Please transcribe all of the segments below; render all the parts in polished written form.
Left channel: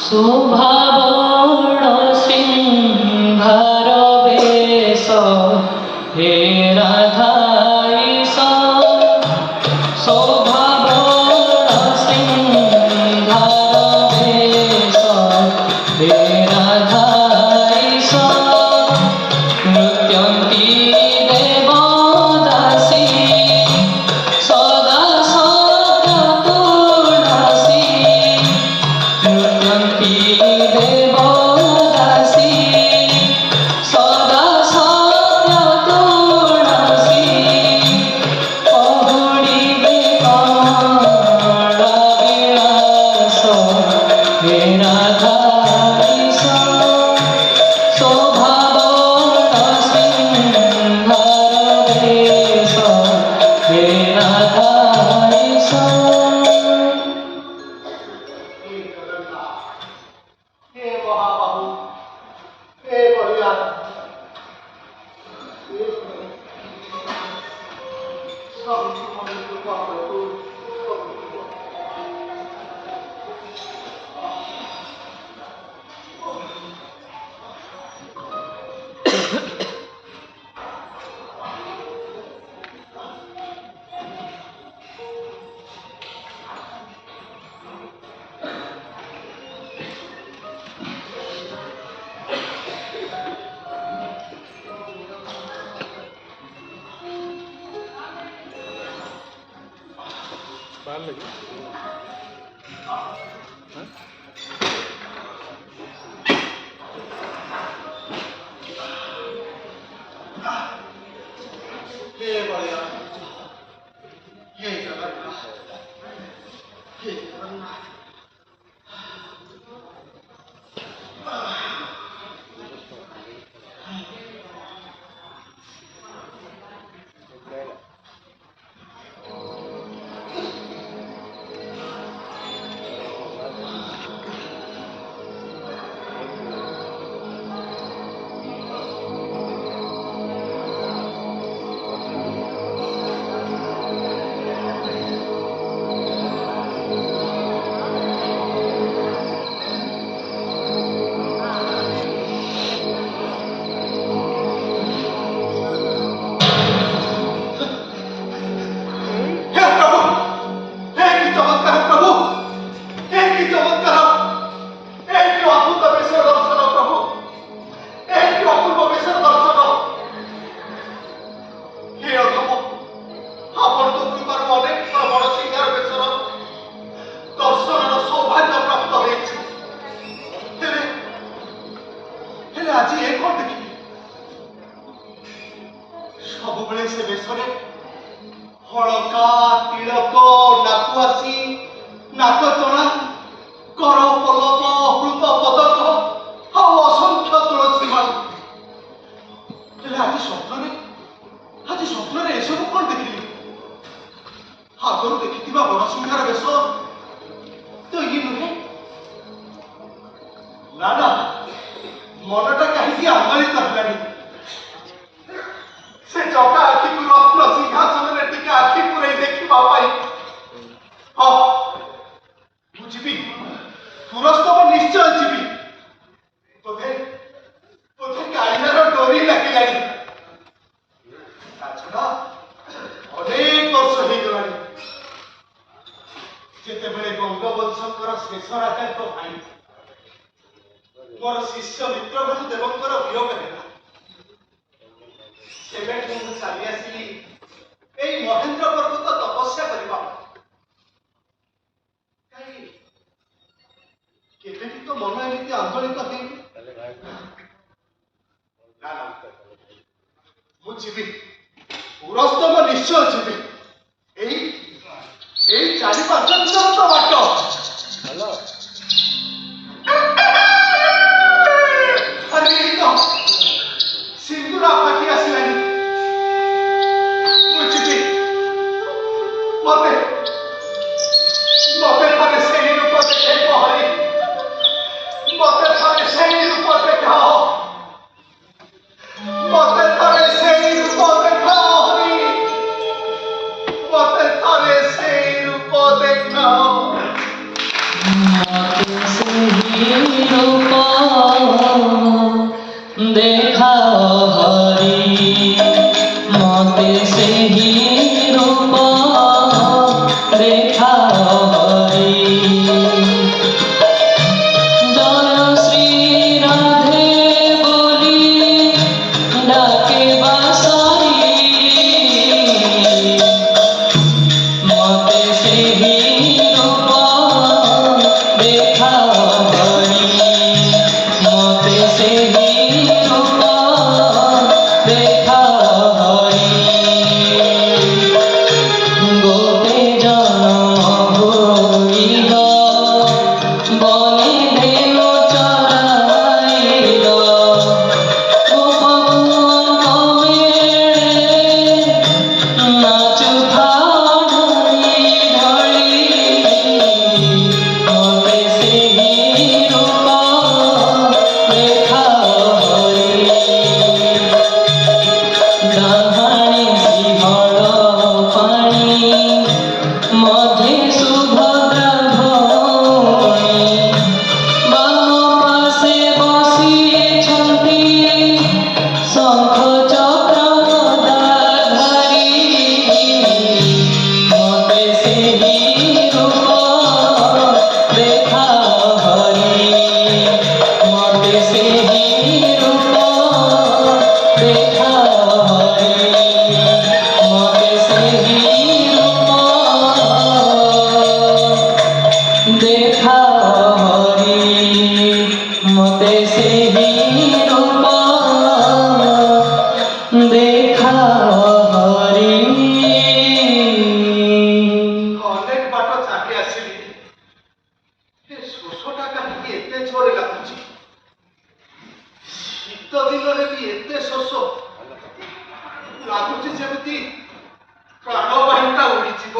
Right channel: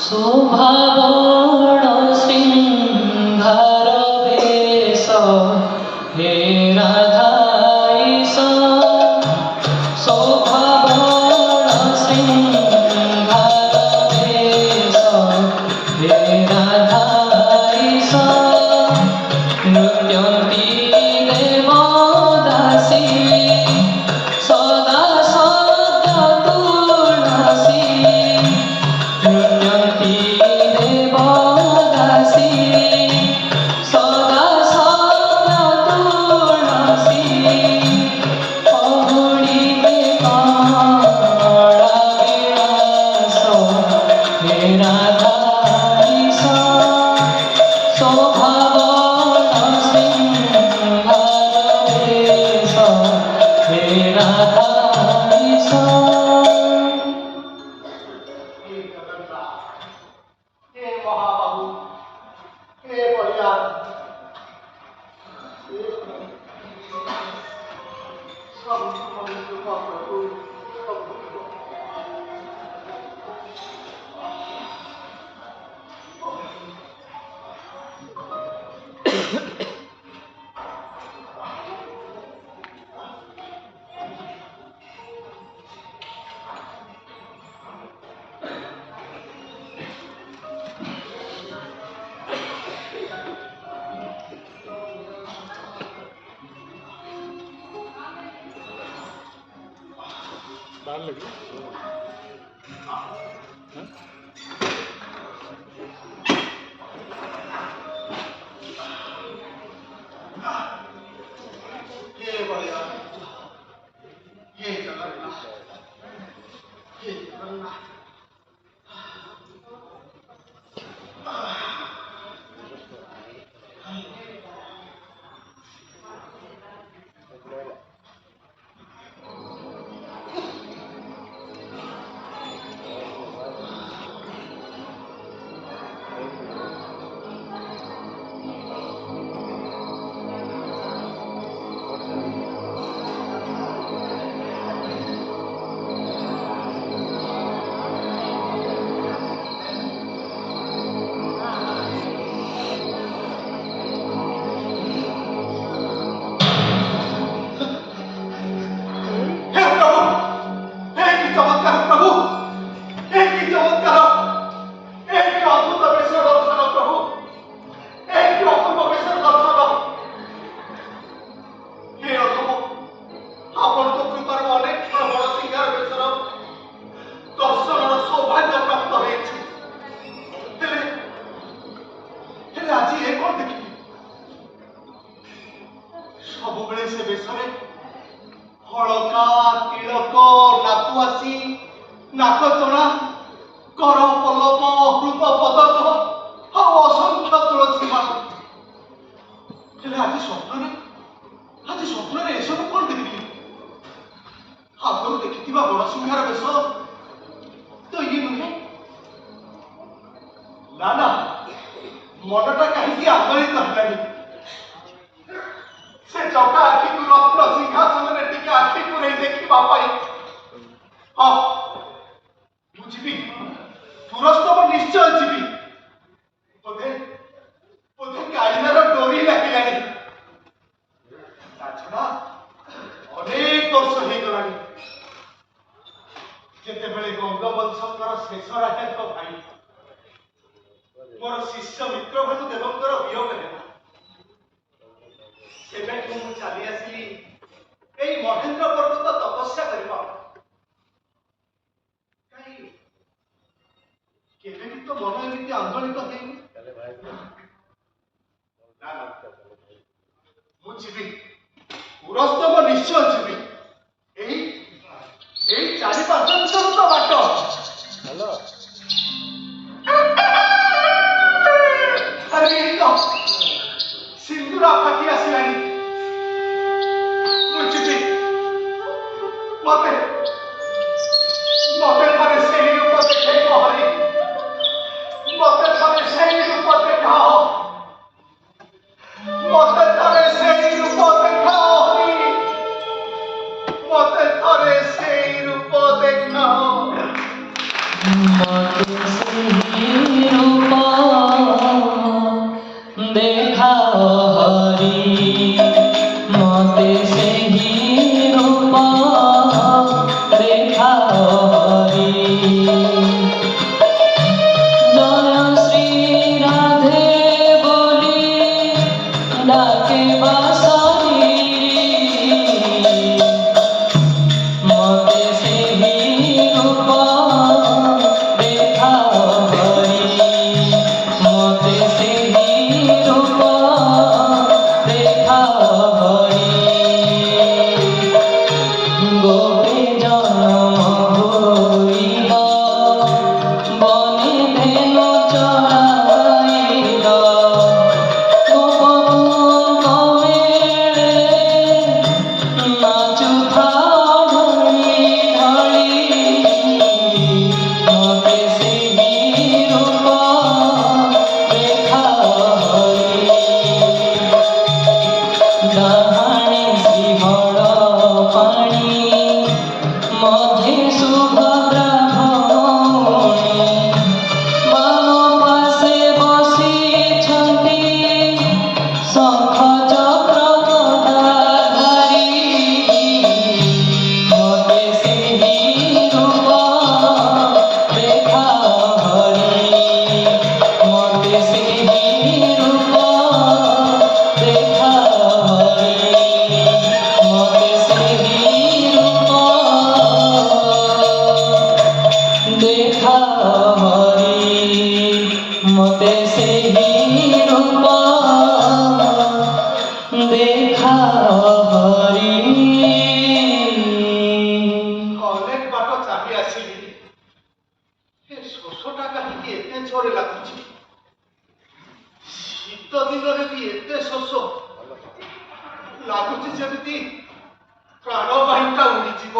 শোভাবড় সিংহার বেশ হে রাধা ঈশ শোভাবড় সিংহার বেশ হে রাধা ঈশ নৃত্যন্তি দেবদাসী সদা সত্য তুলসী নৃত্যন্তি দেবদাসী সদা সত্য তুলসী অঘড়িবে কমল বিলাস হে রাধা ঈশ শোভাবড় সিংহার বেশ হে রাধা ঈশ। हे जगन्नाथ, हे महाबाहु, हे बलिदान, हे सब मनुष्य का प्रभु, हे बलिदान, हे जगन्नाथ, हे जगन्नाथ। हे प्रभु, हे की चमत्कार प्रभु, हे की चमत्कार, हे की अद्भुत बेशर दर्शन प्रभु, हे की अपूर्व बेशर दर्शन। हे अधम, आपण तो कृपार अनेक थर बड़ सिंगार बेशर दर्शनर सौभाग्य प्राप्त होइछि। हेले आज ए कोन देखिबी सबुबेले से बेशरे हड़का तिलक नाकुआसी नाकचଣା कर पल्लव हृत पदक ଆଉ ଅସଂଖ୍ୟ ତୁଳସୀ ମାଳ। ହେଲେ ଆଜି ସ୍ୱପ୍ନରେ ଏସବୁ କ'ଣ ଦେଖିଲି? ଆଗରୁ ଦେଖିଥିବା ବଡ଼ ସିଂହାର ବେଶ ତ ଇଏ ନୁହେଁ। ନା ନା, ମନଟା କାହିଁକି ଆନ୍ଦୋଳିତ ହେଲାଣି। ସେ ଜଗା ଆଖିକୁ ରତ୍ନ ସିଂହାସନରେ ଟିକେ ଆଖି ପୁରେଇ ଦେଖିବା ପାଇଁ। ହଁ, ମୁଁ ଯିବି, ପୁରସ୍ତମ ନିଶ୍ଚୟ ଯିବି। ବୋଧେ କାଳିଆର ଡୋରି ଲାଗିଲାଣି। ତାଛଡ଼ା ଅନେକ ବର୍ଷ ହେଇଗଲାଣି ଯେତେବେଳେ ଗଙ୍ଗବଂଶଙ୍କର ଶେଷ ରାଜାଙ୍କ ଭାଇ ମୋର ଶିଷ୍ୟ ମିତ୍ରଭେଦୁ ଦେବଙ୍କର ବିୟୋଗ ହେଲା। ସେବେଠୁ ମୁଁ ଚାଲି ଆସିଲି ଏଇ ମହେନ୍ଦ୍ର ପର୍ବତ ତପସ୍ୟା କରିବା। କାହିଁ କେବେ ବି ତ ମନ ଏମିତି ଆନ୍ଦୋଳିତ ହେଇନି। ନା ନା, ମୁଁ ଯିବି, ପୁରସ୍ତମ ନିଶ୍ଚୟ ଯିବି। ଏଇ 4-5 କିଲୋମିଟର ବାଟ। ଆରେ ଏଇ ତ ସିନ୍ଦୁର ପାଖି ଆସିଲାଣି। ମୁଁ ଯିବି। ମତେ ଥରେ ସେହି ରୂପ ଦେଖେଇବ ହରି। ମତେ ଥରେ ସେହି ରୂପ ଦେଖାଅ। ମତେ ଥରେ ସେହି ରୂପ ଦେଖାଅ ହରି। ମତେ ଥରେ ସେହି ରୂପ ଦେଖାଅ। ମତେ ସେହି রূপ দেখা হরি মতে সেই রূপ দেখা হরি জয় শ্রী রাধে বলি ডাকে বাসারি মতে সেই রূপ দেখা হরি মতে সেই রূপ দেখা হরি গোপে জন্ম হইল বনে ধেনু চরাইল গোপকুল কমেরে নাচুথা ঢলি ঢলি মতে সেই রূপ দেখা হরি ডাহাণী শিহଳ পাଣି মধ্যে সুভদ্রা ভৌণী বাম পাশে বসিଛନ୍ତି শঙ্খ চক্র গদাধারী মতে সেই রূপ দেখা হরি মতে সেই রূপ দেখা হরি মতে সেই রূপ দেখা হরি মতে সেই রূপ দেখা হরি ଅନେକ ବାଟ ଚାଲି ଆସିଲି ଏ ଶୋଷଟା କାହିଁକି ଏତେ ଜୋରେ ଲାଗୁଛି ଶୀତ ଦିନରେ ବି ଏତେ ଶୋଷ ଲାଗୁଛି ଯେମିତି ପ୍ରାଣବାୟୁଟା ଉଡ଼ିଯିବ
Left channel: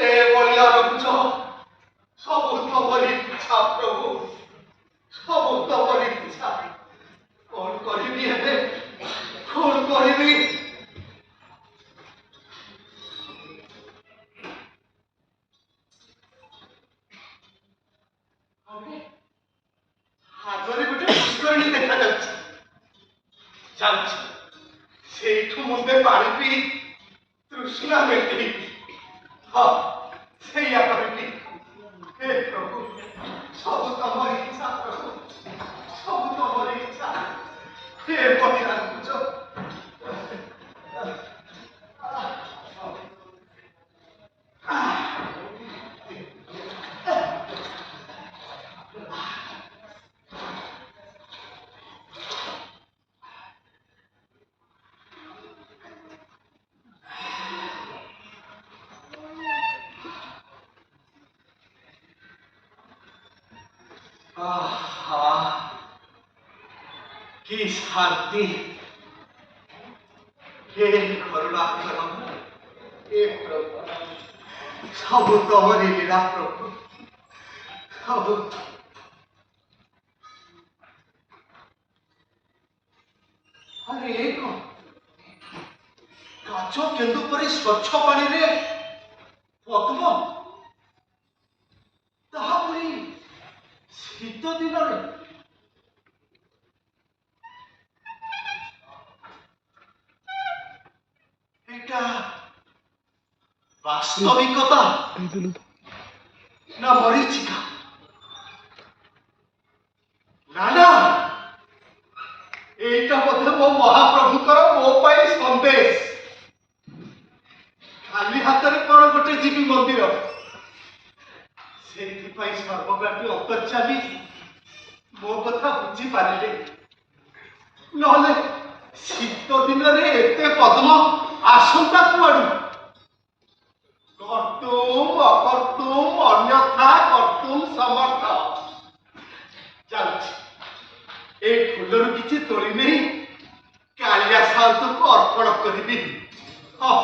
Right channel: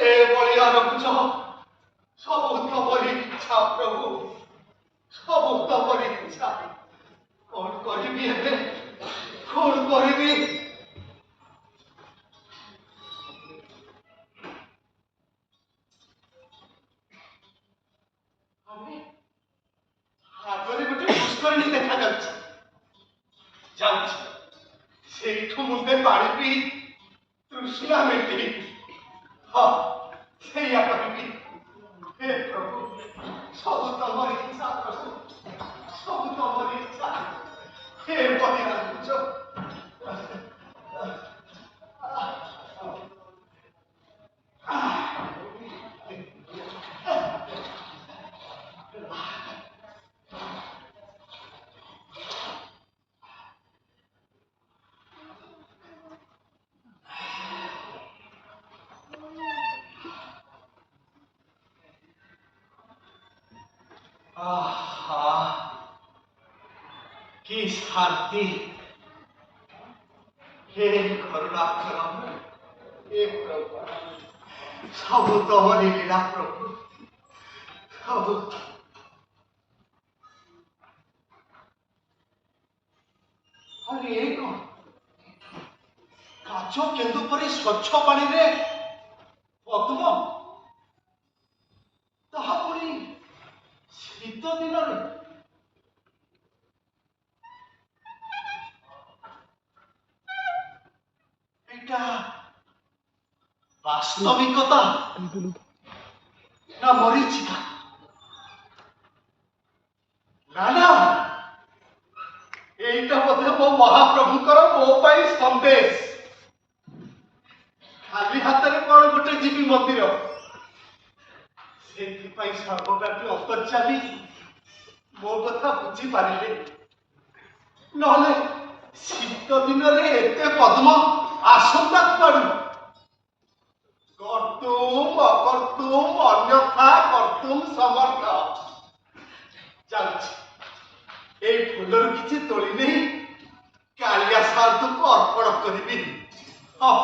ଏ ବଳିଆ ରହୁଛ ସବୁ ତମରି ଇଚ୍ଛା ପ୍ରଭୁ ସବୁ ତମରି ଇଚ୍ଛା କଣ କରିବି ଏବେ କଣ କରିବି ଆଗରେ ଗୋଟେ ପୁଷ୍କରିଣୀ ଦେଖାଯାଉଛି ଯାଉଛି ସେଇଠୁ ମୁଣ୍ଡେ ପାଣି ପିଇ ତୃଷ୍ଣା ମେଣ୍ଟିବି ହଁ ସେଇଆ କରିବି ହେ ପ୍ରଭୁ ସବୁ ତମର ଇଚ୍ଛା ପ୍ରଭୁ ସବୁ ତମର ଇଚ୍ଛା ହେ ବଳିଆ ରହୁଛ আহা কি শান্তি হে করুণাকর হে প্রভু ସବୁ ତମରି ଲୀଳା ପ୍ରଭୁ ସବୁ ଆରେ ଏ କଣ କାଚ କେନ୍ଦୁ ପରି ସ୍ୱଚ୍ଛ ପାଣିରେ ପଦ୍ମ ତାହା ପୁଣି ଶୀତ ଦିନରେ এটা বাস্তবিকতা না মরিচিকা না না এইটা বোধে ମୋ ମହାପ୍ରଭୁଙ୍କର ମୋ ପାଇଁ ସନ୍ଦେଶ ଖାଲି ହାତରେ କଣ ଗୋଟେ ଯିବି ମନ୍ଦିର ସେଇଥିପାଇଁ ସର୍ବବ୍ୟାପୀ ଅନ୍ତର୍ଯାମୀ ମୋ କଥା ବୁଝିପାରିଲେ ନହେଲେ ଶୀତ ଦିନରେ ଏତେ ପଦ୍ମ ଆସନ୍ତା କୁଆଡୁ କର୍ତ୍ତୁମ ଅକର୍ତ୍ତୁମ ଅନ୍ୟଥା କର୍ତ୍ତୁମ ସମର୍ଥ ଯାଉଛି এই ফুলରୁ କିଛି ତୋଳି ନେଇ କାଳିଆ ସାଧୁଙ୍କୁ ଅର୍ପଣ କରିବି ହଁ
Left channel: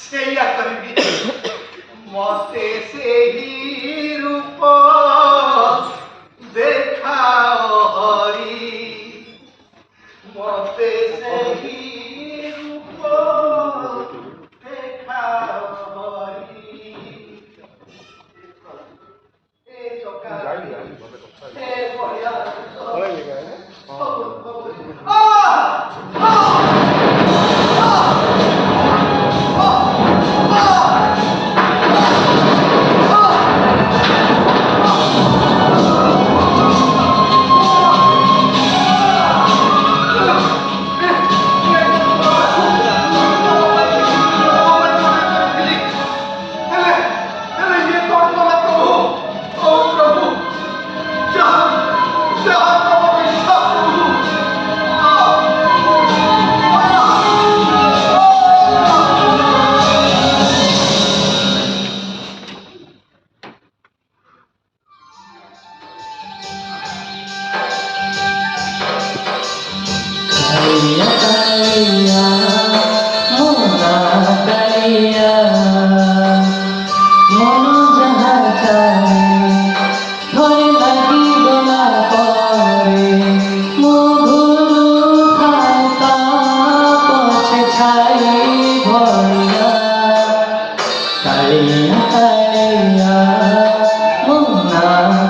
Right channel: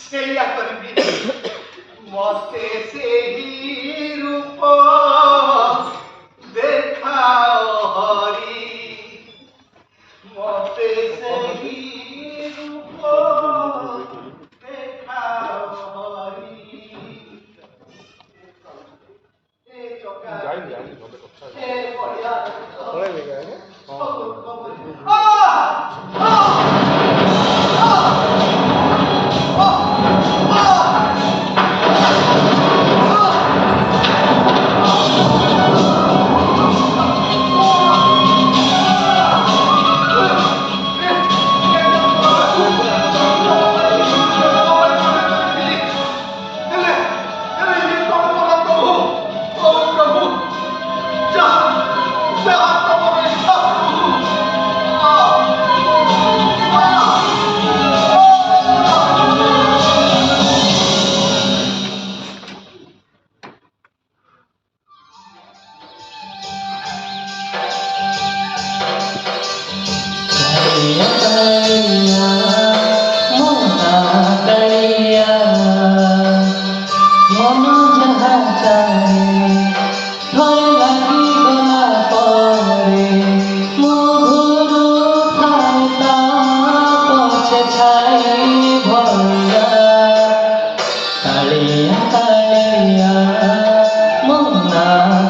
ସେଇଆ କରିବି ମତେ ସେହି ରୂପ ଦେଖାଅ ହରି ମତେ ସେହି ରୂପ ଦେଖାଅ ହରି କାଳିଆ କାଳିଆ ମୋନା କାଳିଆ ମନ ଯାହା ଚାहे ଥରେ ଲାଗିଗଲା ପରେ ମୋ ଘରୁ ଥାଏ ତା ପଛେ ଛାଇ ଭଳିଆ କାଳିଆ କାଳିଆ ମୋନା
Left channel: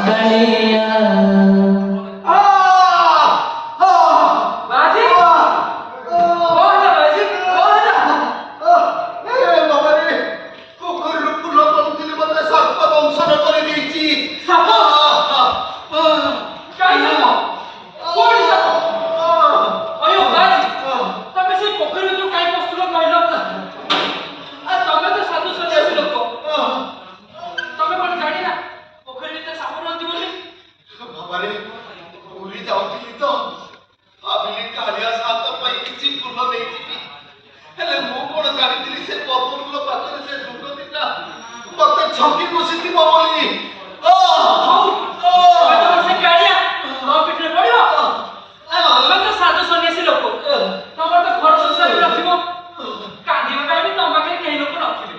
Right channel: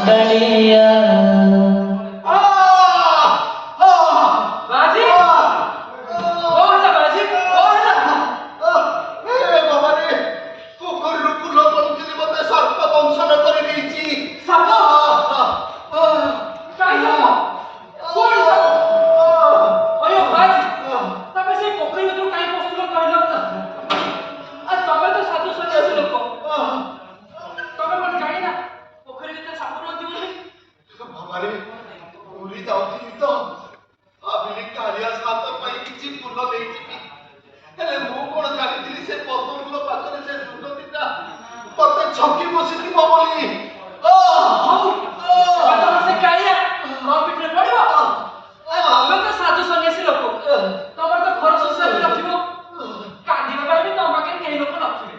କାଳିଆ बाजी कौन है बाजी कौन है বাবারে পুকুরରୁ ଫୁଲ ତୋଳୁଥିଲି ମତେ ସର୍ପ ଦଂଶନ କରିଦେଇଛି ସର୍ପ? କାଇଁ ସାପ କୋଉଠି ସାପ ଅୟୋ ବାଜି ତମେ ସେଇ ପୋଖରୀ ଭିତରୁ କାଇଁ ପଶୁଲ କହିଲ ଆଉ ତମେ ତ ସାଧୁ ସନ୍ନ୍ୟାସୀ ଲୋକ ତମେ କଣ ଜାଣିନା ପୋଖରୀ ଭିତରେ ସାପ ରହୁଛି ବୋଲି ବାବାରେ ପୁରୀ ଯାଉଥିଲି ତ ଭାବିଲି କାଳିଆ ସାତ ପାଇଁ କିଛି ଫୁଲ ନେଇଯିବି ହେଲେ ମୁଁ କଣ ଜାଣିଥିଲି ସେ ପଦ୍ମ ଫୁଲ ପାଖରେ ସେ ଦୁର୍ଗତିଟା ମତେ ଛକି ବସିଥିବ ବୋଲି ହଉ ତମେ ତମର ସେ କାଳିଆ ମୋ ପିଠିରେ ପଡ଼ିବ ଆଉ ତମେ ତ ସାଧୁ ସନ୍ନ୍ୟାସୀ ଲୋକ ତମର ତ ଘର ସଂସାର ରଖିବ କାନ୍ଦିବା ପାଇଁ ବି ତମ ପାଖରେ କେହି ଲୋକ ନଥିବେ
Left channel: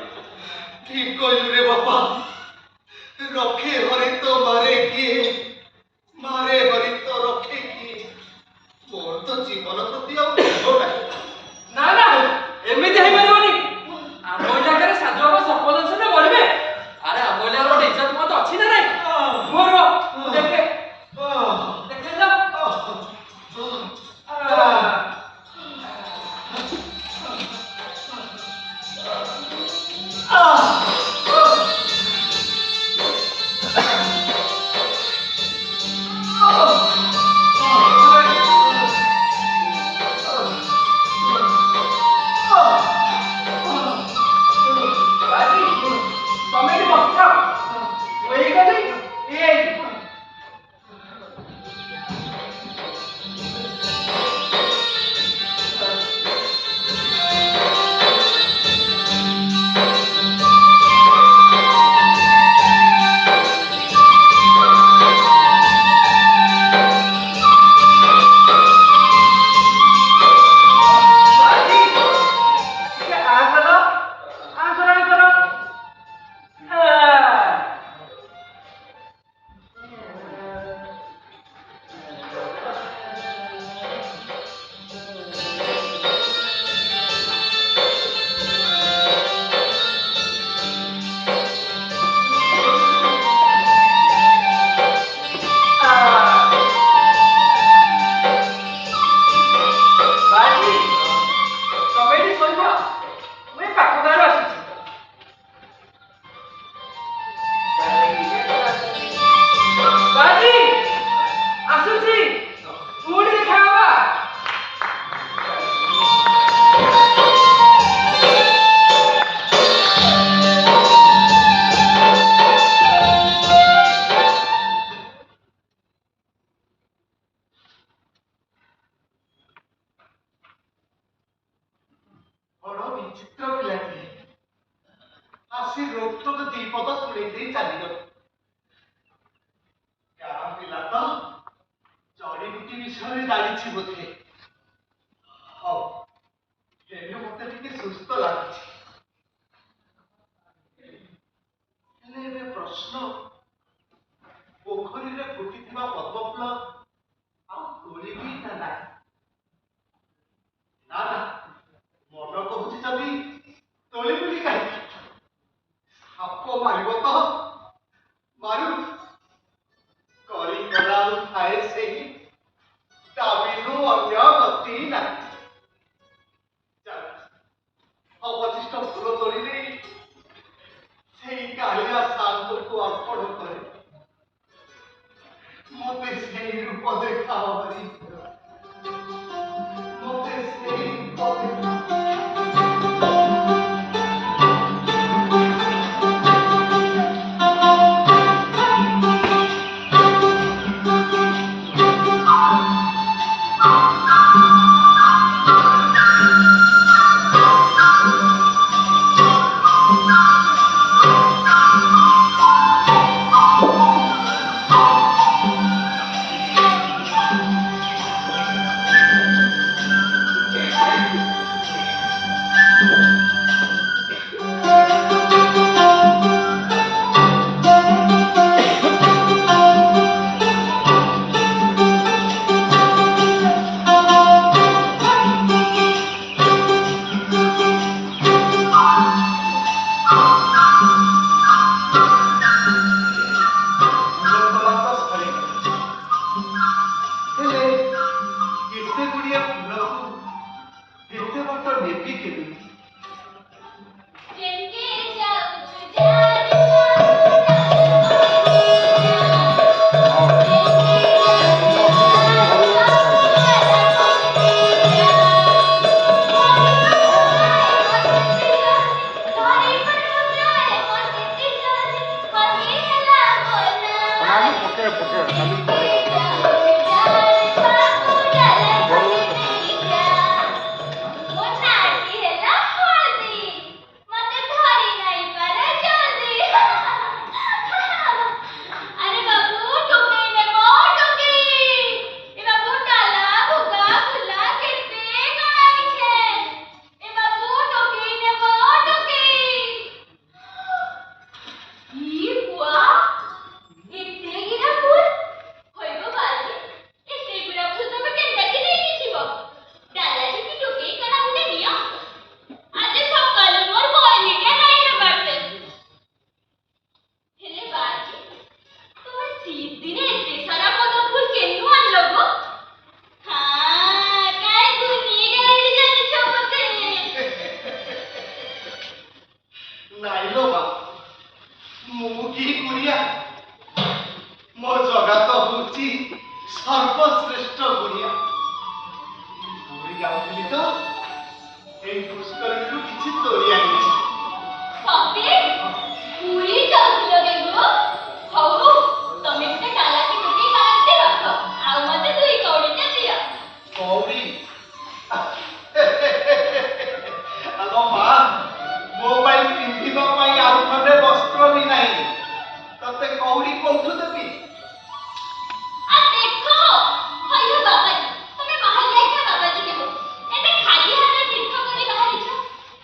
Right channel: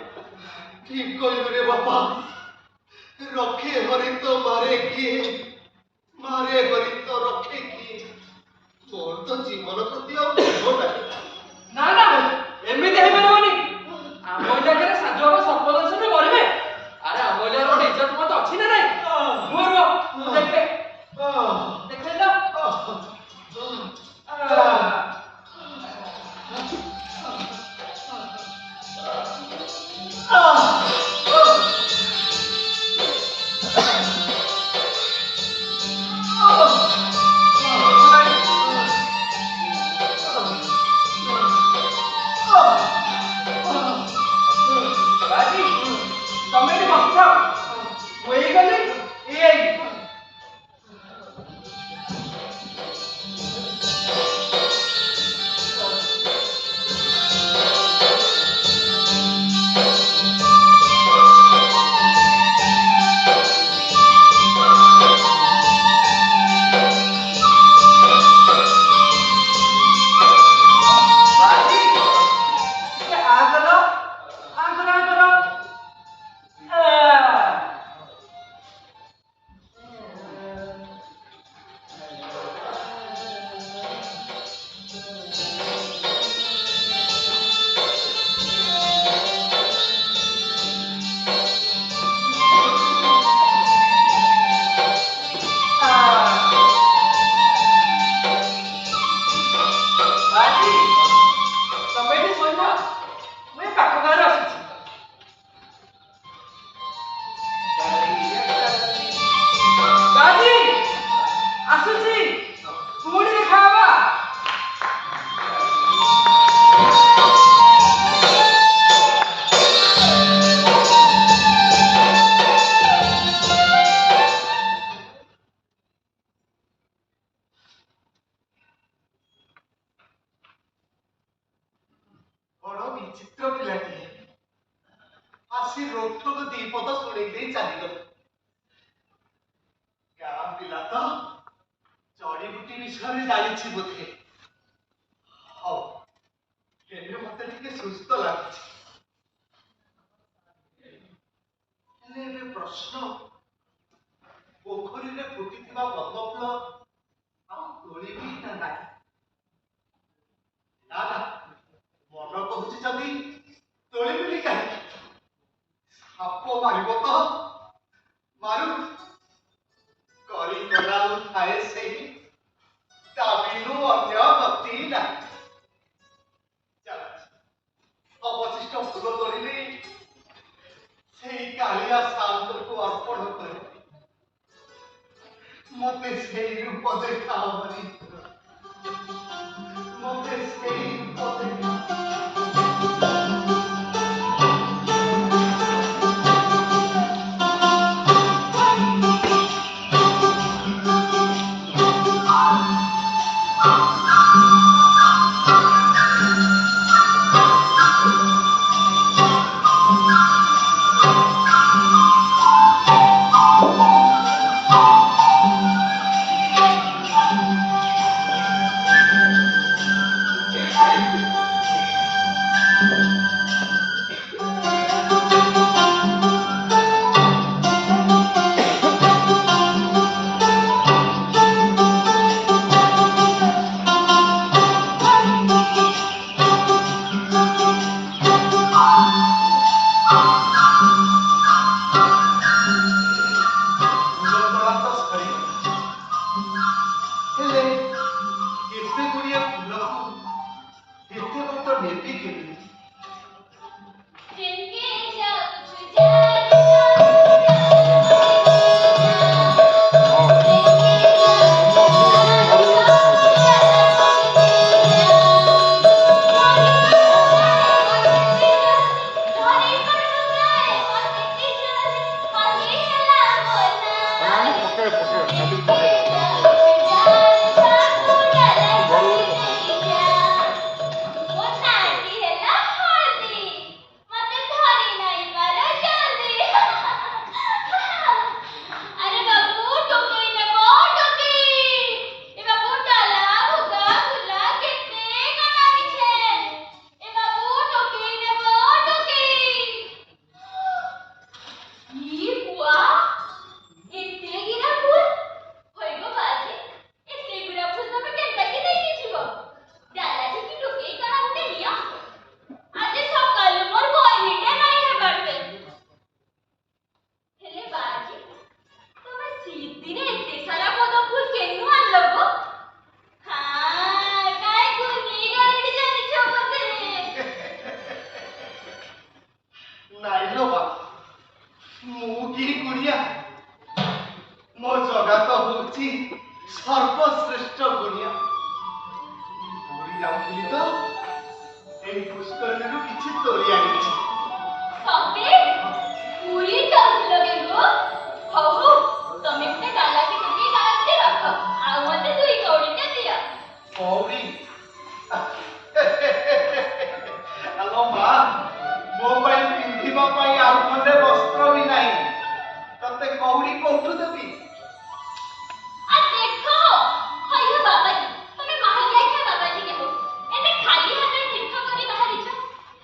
ঠিক কইলু রে বাবা রক্ষে হরি তো মারে কিয়ে মারে হরি তো রক্ষে কিয়ে মোর তো জীবন প্রতি ଆଉ মোহ ନାହିଁ ନା ନା ଏମିତି ହେଇପାରିବନି ଆମ ଇଲାକାରେ ସାଧୁ ବାବା ସର୍ପଦଂଶନରେ ମରିବେ ଆରେ ଆମ ଇଲାକାର ଗୋଟେ ଇଜ୍ଜତ ମତ ଅଛି ନା ନାଇଁ ରୁହ ରୁହ ମୁଁ ଦେଖେ ଦେଖିଲ ବାଜି ତମେ ଏଠି ବସିଥାଅ ମୁଁ ଏଇ ଗଲି ଏଇ ବାଜି ଟିକେ ଆନ୍ଦୋଳନ କର ବାଜି ତମେ ଏଠି ଶୋଇଥାଅ ମୁଁ ଏ ପାଖ ଗାଁରୁ ଆସିଛି ବାଜି ଆସୁଛି ପୁଣି ଦେଖା ହବା ବଡ଼ ବିଚିତ୍ର ପିଲାଟିଏ ଆସି ରୋକଠୋକ ଦି ପଦ ଶୁଣେଇ ଦେଇ ଚାଲିଗଲା ଗାଁ ପିଲା ତ ଜଡ଼ିବୁଟି ବିଷୟରେ ଜାଣିଛି ବୋଧେ ହଉ ଏବେ ମତେ ଟିକେ ସୁସ୍ଥ ଲାଗୁଛି ହେଲେ ଏବେ ପ୍ରଶ୍ନ ପୋଖରୀରେ ଫୁଟିଥିବା ପଦ୍ମ ଫୁଲ ଆଉ ତୋଳିବି ନା ନାହିଁ ନା ନା ମନ କହୁଛି ଯଦି ତୋଳିବିନି କାହିଁକି ସାପ ମାରିବ ତ ମାରୁ କରି ଗଲା ଆଉ ଥାଏ ସେହି ଦାବିରୁ ଅନ୍ୟ ଗତି ନାହିଁ ଚାଲ ଅବଶିଷ୍ଟ ଫୁଲ ତୋଳି ନେଇ ସେଇ କାଳିଆ ସାନ୍ତକୁ ଅର୍ପଣ କରେ ମତେ ସେଇ ରୂପ ଦେଖାଅ ହରି ମତେ ସେଇ ରୂପ ଦେଖାଅ ନାଇଲୋ ବା ମୁଁ କି କୁଡ଼ିଆ ମୋ ଜଗତ ହଉଛି ସର୍ବଶ୍ରେଷ୍ଠ ଗୁଣିଆ। ପୁରୀ ଯାଉଥିଲି ତ ଏଇ ପୁଷ୍କରିଣୀରୁ କିଛି ତୋଳି ଆଣିଛି। ସତେ ପୁରୀ ଯାଉଥିଲ କେ ଗো? ହଉ ହଉ ତମେ ଗୋଟେ ଡାଲାଟି ଗୋଟିଏ କାଢ଼ିକି ରଖ ଆଉ ମତେ ଦୁଇ କଉଡ଼ିଟେ ଦିଅ। କଉଡ଼ି ଆଲୋ ମା ମୋ ପାଇଁ ପିନ୍ଧିବା ପାଇଁ ଆଉ ଖଣ୍ଡେ ବସ୍ତ୍ର ବି ନାହିଁ, ତତେ କଉଡ଼ି କୋଉଠୁ ଦେବି? ଆ ଦେଖ ହଇଲୋ ବାବାଜୀ ତମେ ବାହାରି ଯାଇଛ ବାବାଜୀ କେ ଏବେ ଖାଲି ହାତରେ ତୀର୍ଥ କରି ବାହାରିଛ।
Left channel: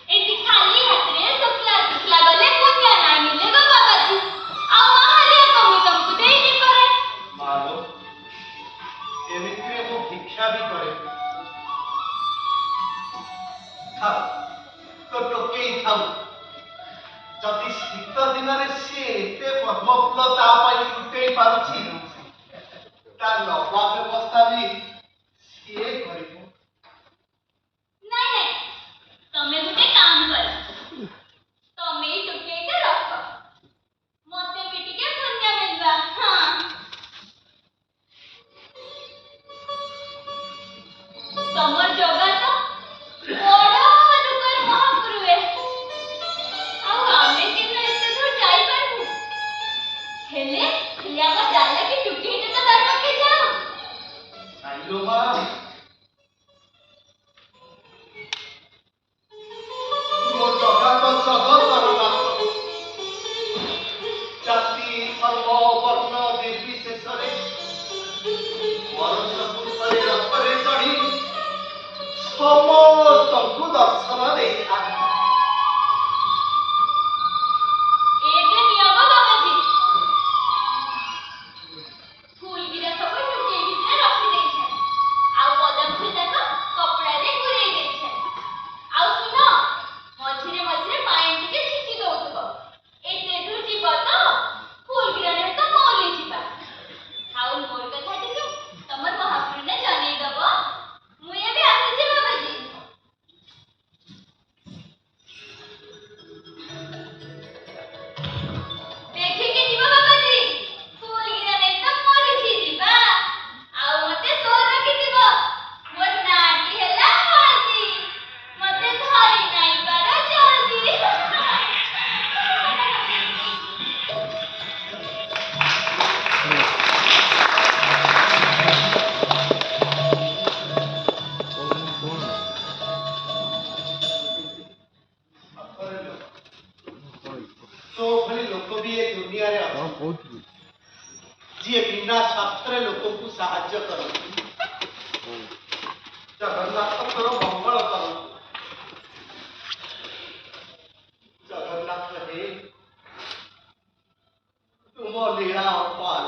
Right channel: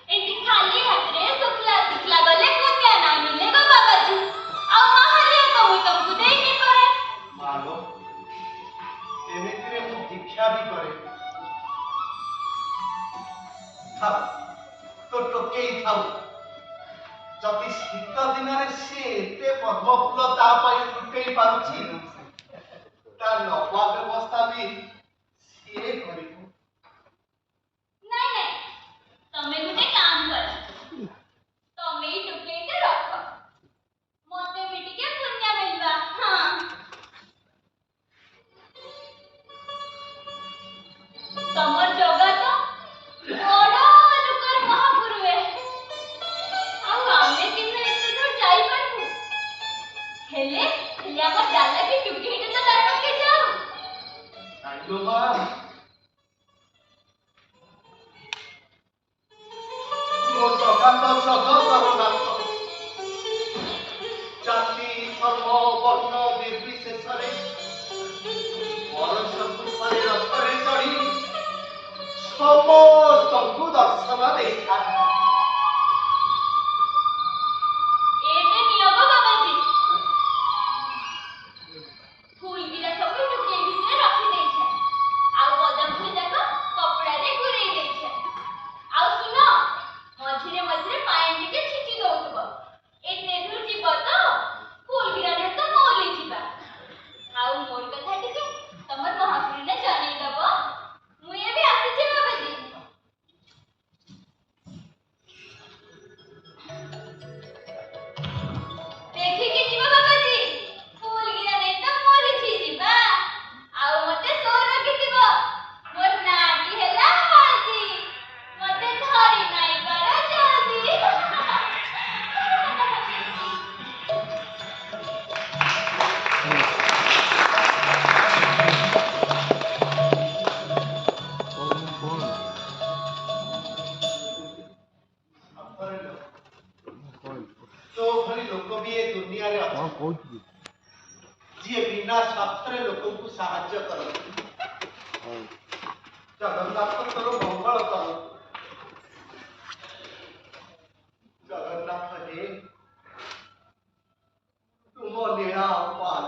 ଏଠି ଖାଲି ହାତରେ ଶୁକ୍ଲା ଶୁକ୍ଲା ଗଲେ ପୁଣ୍ୟ ନାହିଁ ମିଲେ ଗো ବାବାଜୀ। ଆଉ ମାହାରିଆ କମୁ ତମକୁ ଦେଇନି ପରେ। ମାଲୋ ଏମିତିରେ ମୁଁ ଭିକ୍ଷା ବି କରେ। ଥାଉ ତ ଟୋକେଇ ଥାଉ, ଯଦି ଶୀତ ଦିନରେ ସିଏ ଏତେ ପଦ୍ମଫୁଲ ତା ପାଇଁ ଫୁଟେଇ ପାରୁଛି ତା ନବା ବ୍ୟବସ୍ଥା ବି ସିଏ କରିବ। ନାଇଁ ନାଇଁ ତମେ ଗୋଟେ କାମ କର ତମେ ଏଇ ଟୋକେଇଟା ରଖ ମତେ ବି ଟିକେ ପୁଣ୍ୟ ମିଲବା। ହଁ ତମର ଜଗା ତ ବଡ଼ ଦୁଃଖର ମହାପୁରୁଏ ଆଉ ଆମେ କେବେ ଏତେ ଦୂର ଯାଇପାରିବୁ? ହେଲେ ହେଲେ ଆମ ଡାଲାଟି ଟୁକେଇଟା ତ ତାର ପାଖେ ଯାଉ। ନାଇଲୋ ମା ମୋ ଜଗା ତ ଜଗତର ନାଥ, ଜାତି ଧର୍ମ ବର୍ଣ୍ଣ ନିର୍ବିଶେଷରେ ବର୍ଷକୁ ଥରେ ରଥରେ ଚଢ଼ି ସମସ୍ତଙ୍କୁ ଦର୍ଶନ ଦେଇଥାଏ। ଏବେ ନିୟମ ବାବାଜୀ ଫୁଲଗିରା ସବୁ ଟୁକେଇ ଭିତରେ ରଖି ଦେଇଛେ ଆଉ ପଦମ ଫୁଲ ଯାକ କପଡ଼ାରେ ଗୁରେଇ ଦେଇଛେ। ଆଉ ଶୁଣ ମଝିରେ ମଝିରେ ପାଣି ଟିକେ ଛିଞ୍ଚି ଦଉଥିବ। ଏତେ ଦୂର ଯିବ ତ ଫୁଲଗିରାରେ ତ ମଉଲି ଯିବା। ଆଉ ମୋର କଥା ଟିକେ ତମର ମହାପୁରୁନେ ଜନେଇ ଦବ। ମୁଁ ଏବେ ଆସିଛି ବାବାଜୀ। ଦେଖିକି ଯିବ ବାବାଜୀ ଫୁଲଗିରା ନେଇ ତ ମରିଛି ଯିବା। ଆଉ ମତେ ସୋ ରଖିଥିବ ମୋର ନାଁଟି ହେଲା ହଳଦୀ ମତେ ଧରି ନାଇଁ ପାର ଜଲ୍ଦି। ସତରେ ଲୋ, ତୋ ଭଳି ଲୋକ ବି ଏ ଦୁନିଆରେ ଅଛନ୍ତି ଯିଏ ବିନା ସ୍ୱାର୍ଥରେ ଲୋକଙ୍କୁ ସାହାଯ୍ୟ କରନ୍ତି। ଜଗନ୍ନାଥଙ୍କର ମଙ୍ଗଳ କରନ୍ତୁ। ଜଗନ୍ନାଥ ହେ ତୁମ ଲୀଳା ଅପାର।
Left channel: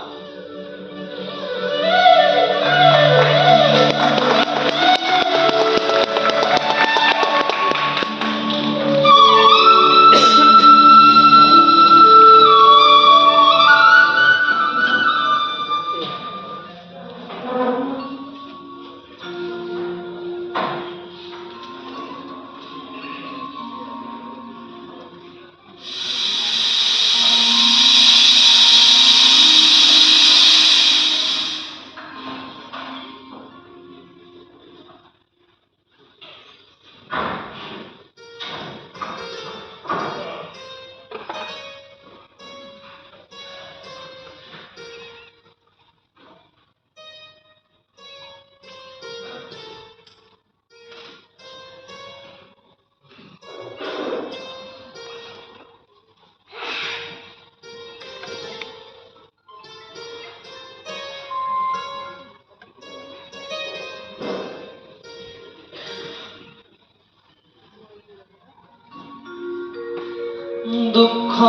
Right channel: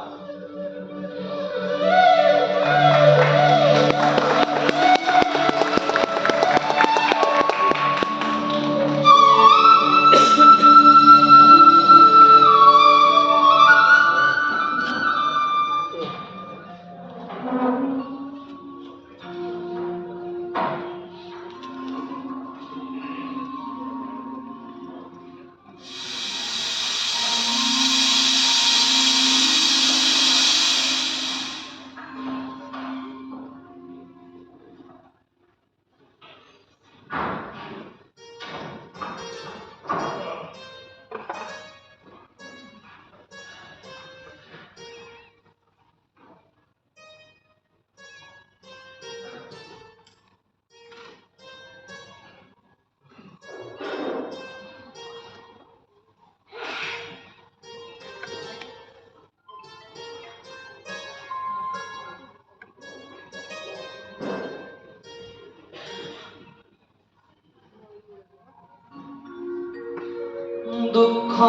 ଦୁଃଖ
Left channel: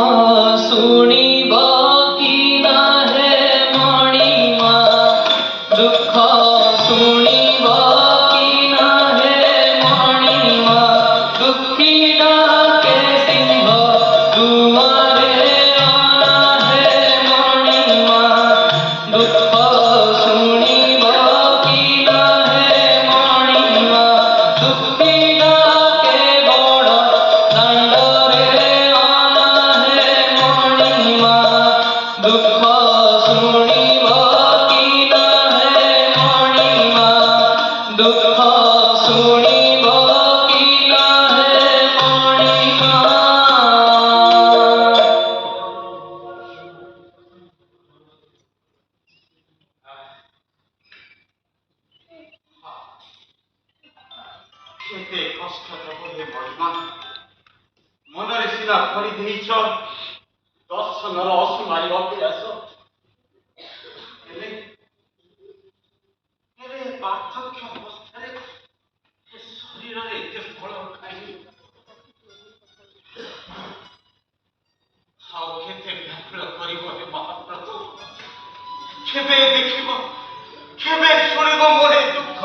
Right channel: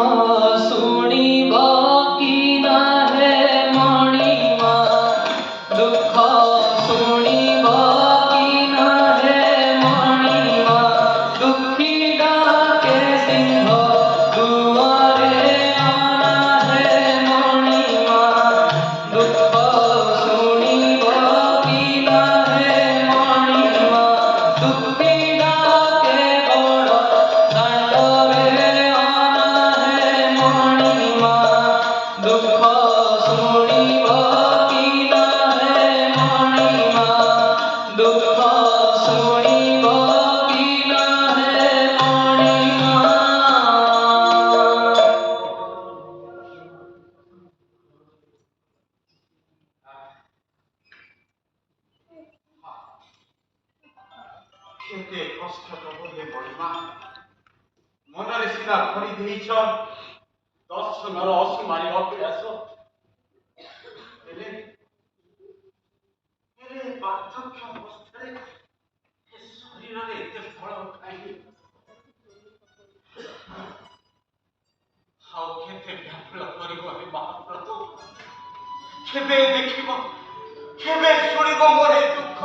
ଶୁଣିବ କି ନାହେ ମଣିମା ଦୁଃଖ ଶୁଣିବ କି ନାହେ ମଣିମା ଦୁଃଖୀ ଡାକେ ସିଂହ ଦୁଆରେ ଅନାହେ ମଣିମା ଦୁଃଖ ଶୁଣିବ କି ନାହେ ମଣିମା ଦୁଃଖୀ ଡାକେ ବଡ଼ ଦାଣ୍ଡରେ ଅନାହେ ମଣିମା ଦୁଃଖ ଶୁଣିବ କି ନାହେ ମଣିମା ଦୁଃଖ ଶୁଣିବ କି ନାହେ ମଣିମା। କେତେ କଷ୍ଟ ତବ ହେ ମହିମା ମନରେ ସିନା ଭରି ଦେଇଛ ଦର୍ଶନର ଅସୁମାରି ଅଭ୍ୟାସ ହେଲେ ହେଲେ ବାର୍ଦ୍ଧକ୍ୟ ଅବସ୍ଥାରେ ଏ ଶରୀରରେ ଏତେ ଫଳ ଖାଇ ଆଉ କେତେ ବ୍ୟାକୁଳ କରିବ ହେ ମହାପ୍ରଭୁ କେବେ ଦେଖିବ କେବେ ଶୁଣିବ ମୋର ଏ ଦୁଃଖ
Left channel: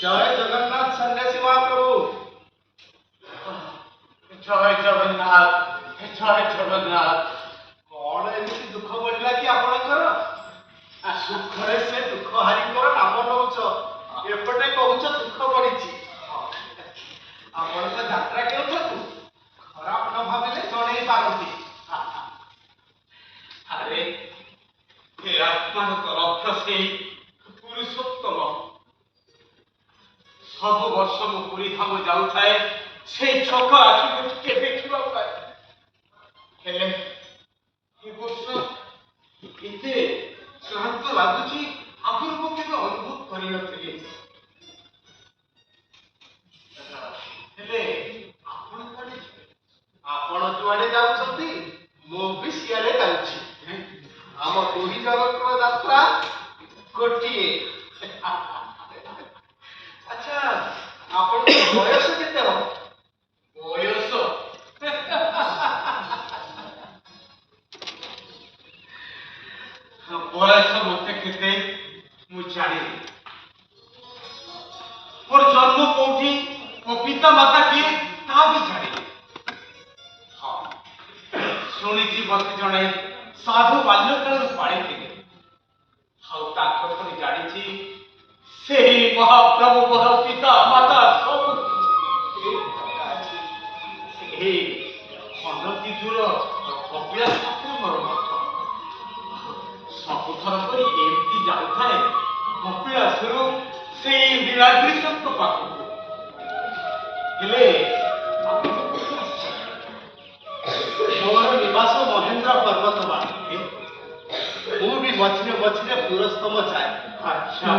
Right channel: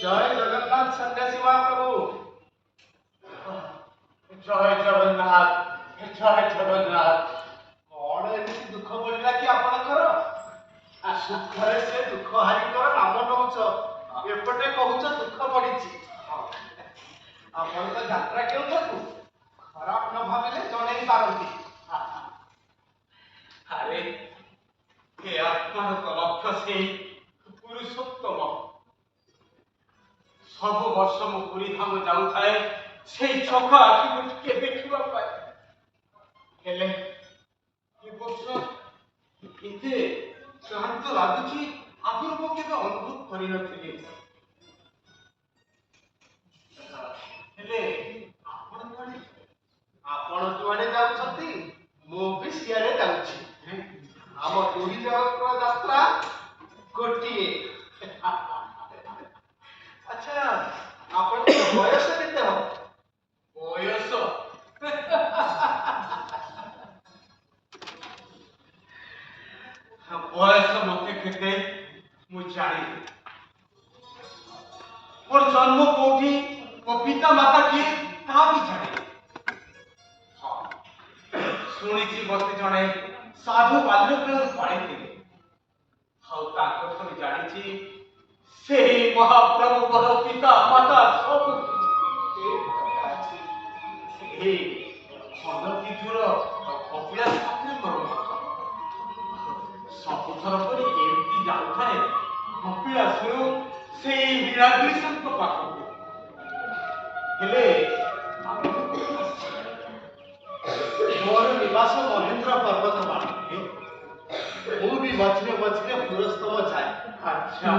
জয় জগন্নাথ সন্ন্যাসী মহাপ্রভু। জয় জগন্নাথ জয় জগন্নাথ କଣ ଏମିତି ଦୁଃଖ ପଡିଲା କି ଆପଣଙ୍କର? ସୁଖରେ ସେ ଦୁଃଖ ହାରିଙ୍କର ନାମ ନଉଛ, ଏପଟେ କହୁଛ ଦୁଃଖ ପଡିଛି। ଆପଣ ତ ଯାତ୍ରା କେଉଁଠାକୁ ଖରାପ ନ ଭାବିଲେ ଜଣେଇ ପାରନ୍ତି। ଆରେ ହେ ଆତ୍ମାର ଲକ୍ଷ୍ୟ ସେଇ ପୁରୁଷୋତ୍ତମ ସବୁ ବର୍ଷ ମୁଁ ପୁରୀ ଧାମ ଯାଉଥାଏ ସେଇ ଚୋଖ ଆଖିକୁ ଟିକେ ଦେଖିବା ପାଇଁ ହେଲେ ଏ ବର୍ଷ ଏତେ କ୍ଳାନ୍ତ ଲାଗୁଛି ଆଗରୁ ମୁଁ କେବେ ଅନୁଭବ କରିନଥିଲି ହେଲେ ଆପଣ କୁଆଡେ ଯିବେ? ଆପଣ ଯୁଆଡେ ଯାଉଛନ୍ତି ମୁଁ ବି ସିଆଡେ ଯାଉଛି। ଆମ ପୁରୀ ଜଗତର ଯାତ୍ରା ଗୋଟିଏ। ଆଚ୍ଛା ଆପଣଙ୍କ ବୟସ କେତେ ହବ? ବୟସ ବୟସ ମତେ କେତେ ମୁଁ ଜାଣିନି ମୋର ଜନ୍ମ କୋଉଠି ମୋ ପିତା ମାତା କିଏ ତାହା ବି ଜାଣିନି ହଁ ଶୁଣିଛି ମତେ ଜଣେ ସାଧୁ ବାଲ୍ୟକାଳରୁ ପାଳିଥିଲେ ଆଉ ତାଙ୍କଠାରୁ ଜାଣିଛି ସେହି ମହାପ୍ରଭୁ ମୋର ପିତା ମାତା ସବୁ ଏହି ଖଣ୍ଡପୀଠର କପିଳାସ ପାଖରେ ମୋର ମଠ ସବୁଥର କରି ଏମିତି ଯାଉଥାଏ କପିଳାସରୁ ସେଇ ନୀଳାଦ୍ରିଶଙ୍କ ପାଖକୁ ହେଲେ ମୋର ନିବାସ ମହେନ୍ଦ୍ର ପର୍ବତମାଳା। ମୁଁ ବି ମଝିରେ ମଝିରେ ପୁରସ୍ତମ ଯାଏ। ଆଚ୍ଛା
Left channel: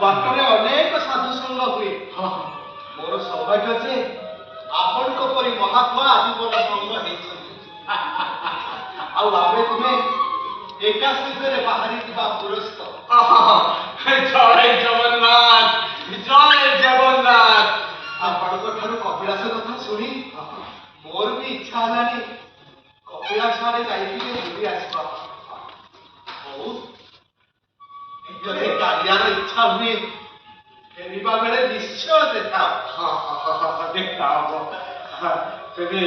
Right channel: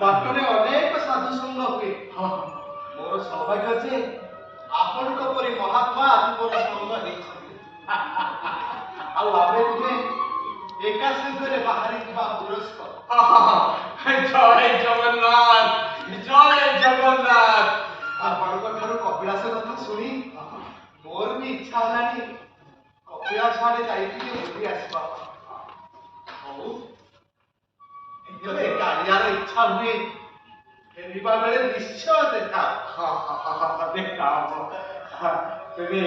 ବାଟରେ ଅନେକ ସାଧୁ ସଂଘ ହୁଏ। ମୋର ସୌଭାଗ୍ୟ ଯେ ଆପଣଙ୍କ ପରି ମହାତ୍ମା ଆଜି ମୋର ସଂଘ ହେଇଛନ୍ତି। ଆଉ ଆମେ ତୁମେ ଏକା ସାଙ୍ଗରେ ବାହାରି ଯିବା ପୁରସ୍ତ। ଜୟ ଜଗନ୍ନାଥ ଜୟ ଜଗନ୍ନାଥ ଆପଣଙ୍କ ଠାରୁ କପିଳାସ କଥା ଶୁଣି ମୋର ବି ଇଚ୍ଛା ହେଲାଣି କପିଳାସ ଆଡେ ଯାଇକି ବୁଲି ଆସିବା। ହଉ ଯଦି କାଳିଆର ଇଚ୍ଛା ହୁଏ ଫେରିବା ବେଳେ ନିଶ୍ଚୟ ଦେଖା ଦେଖା ହବ ତେବେ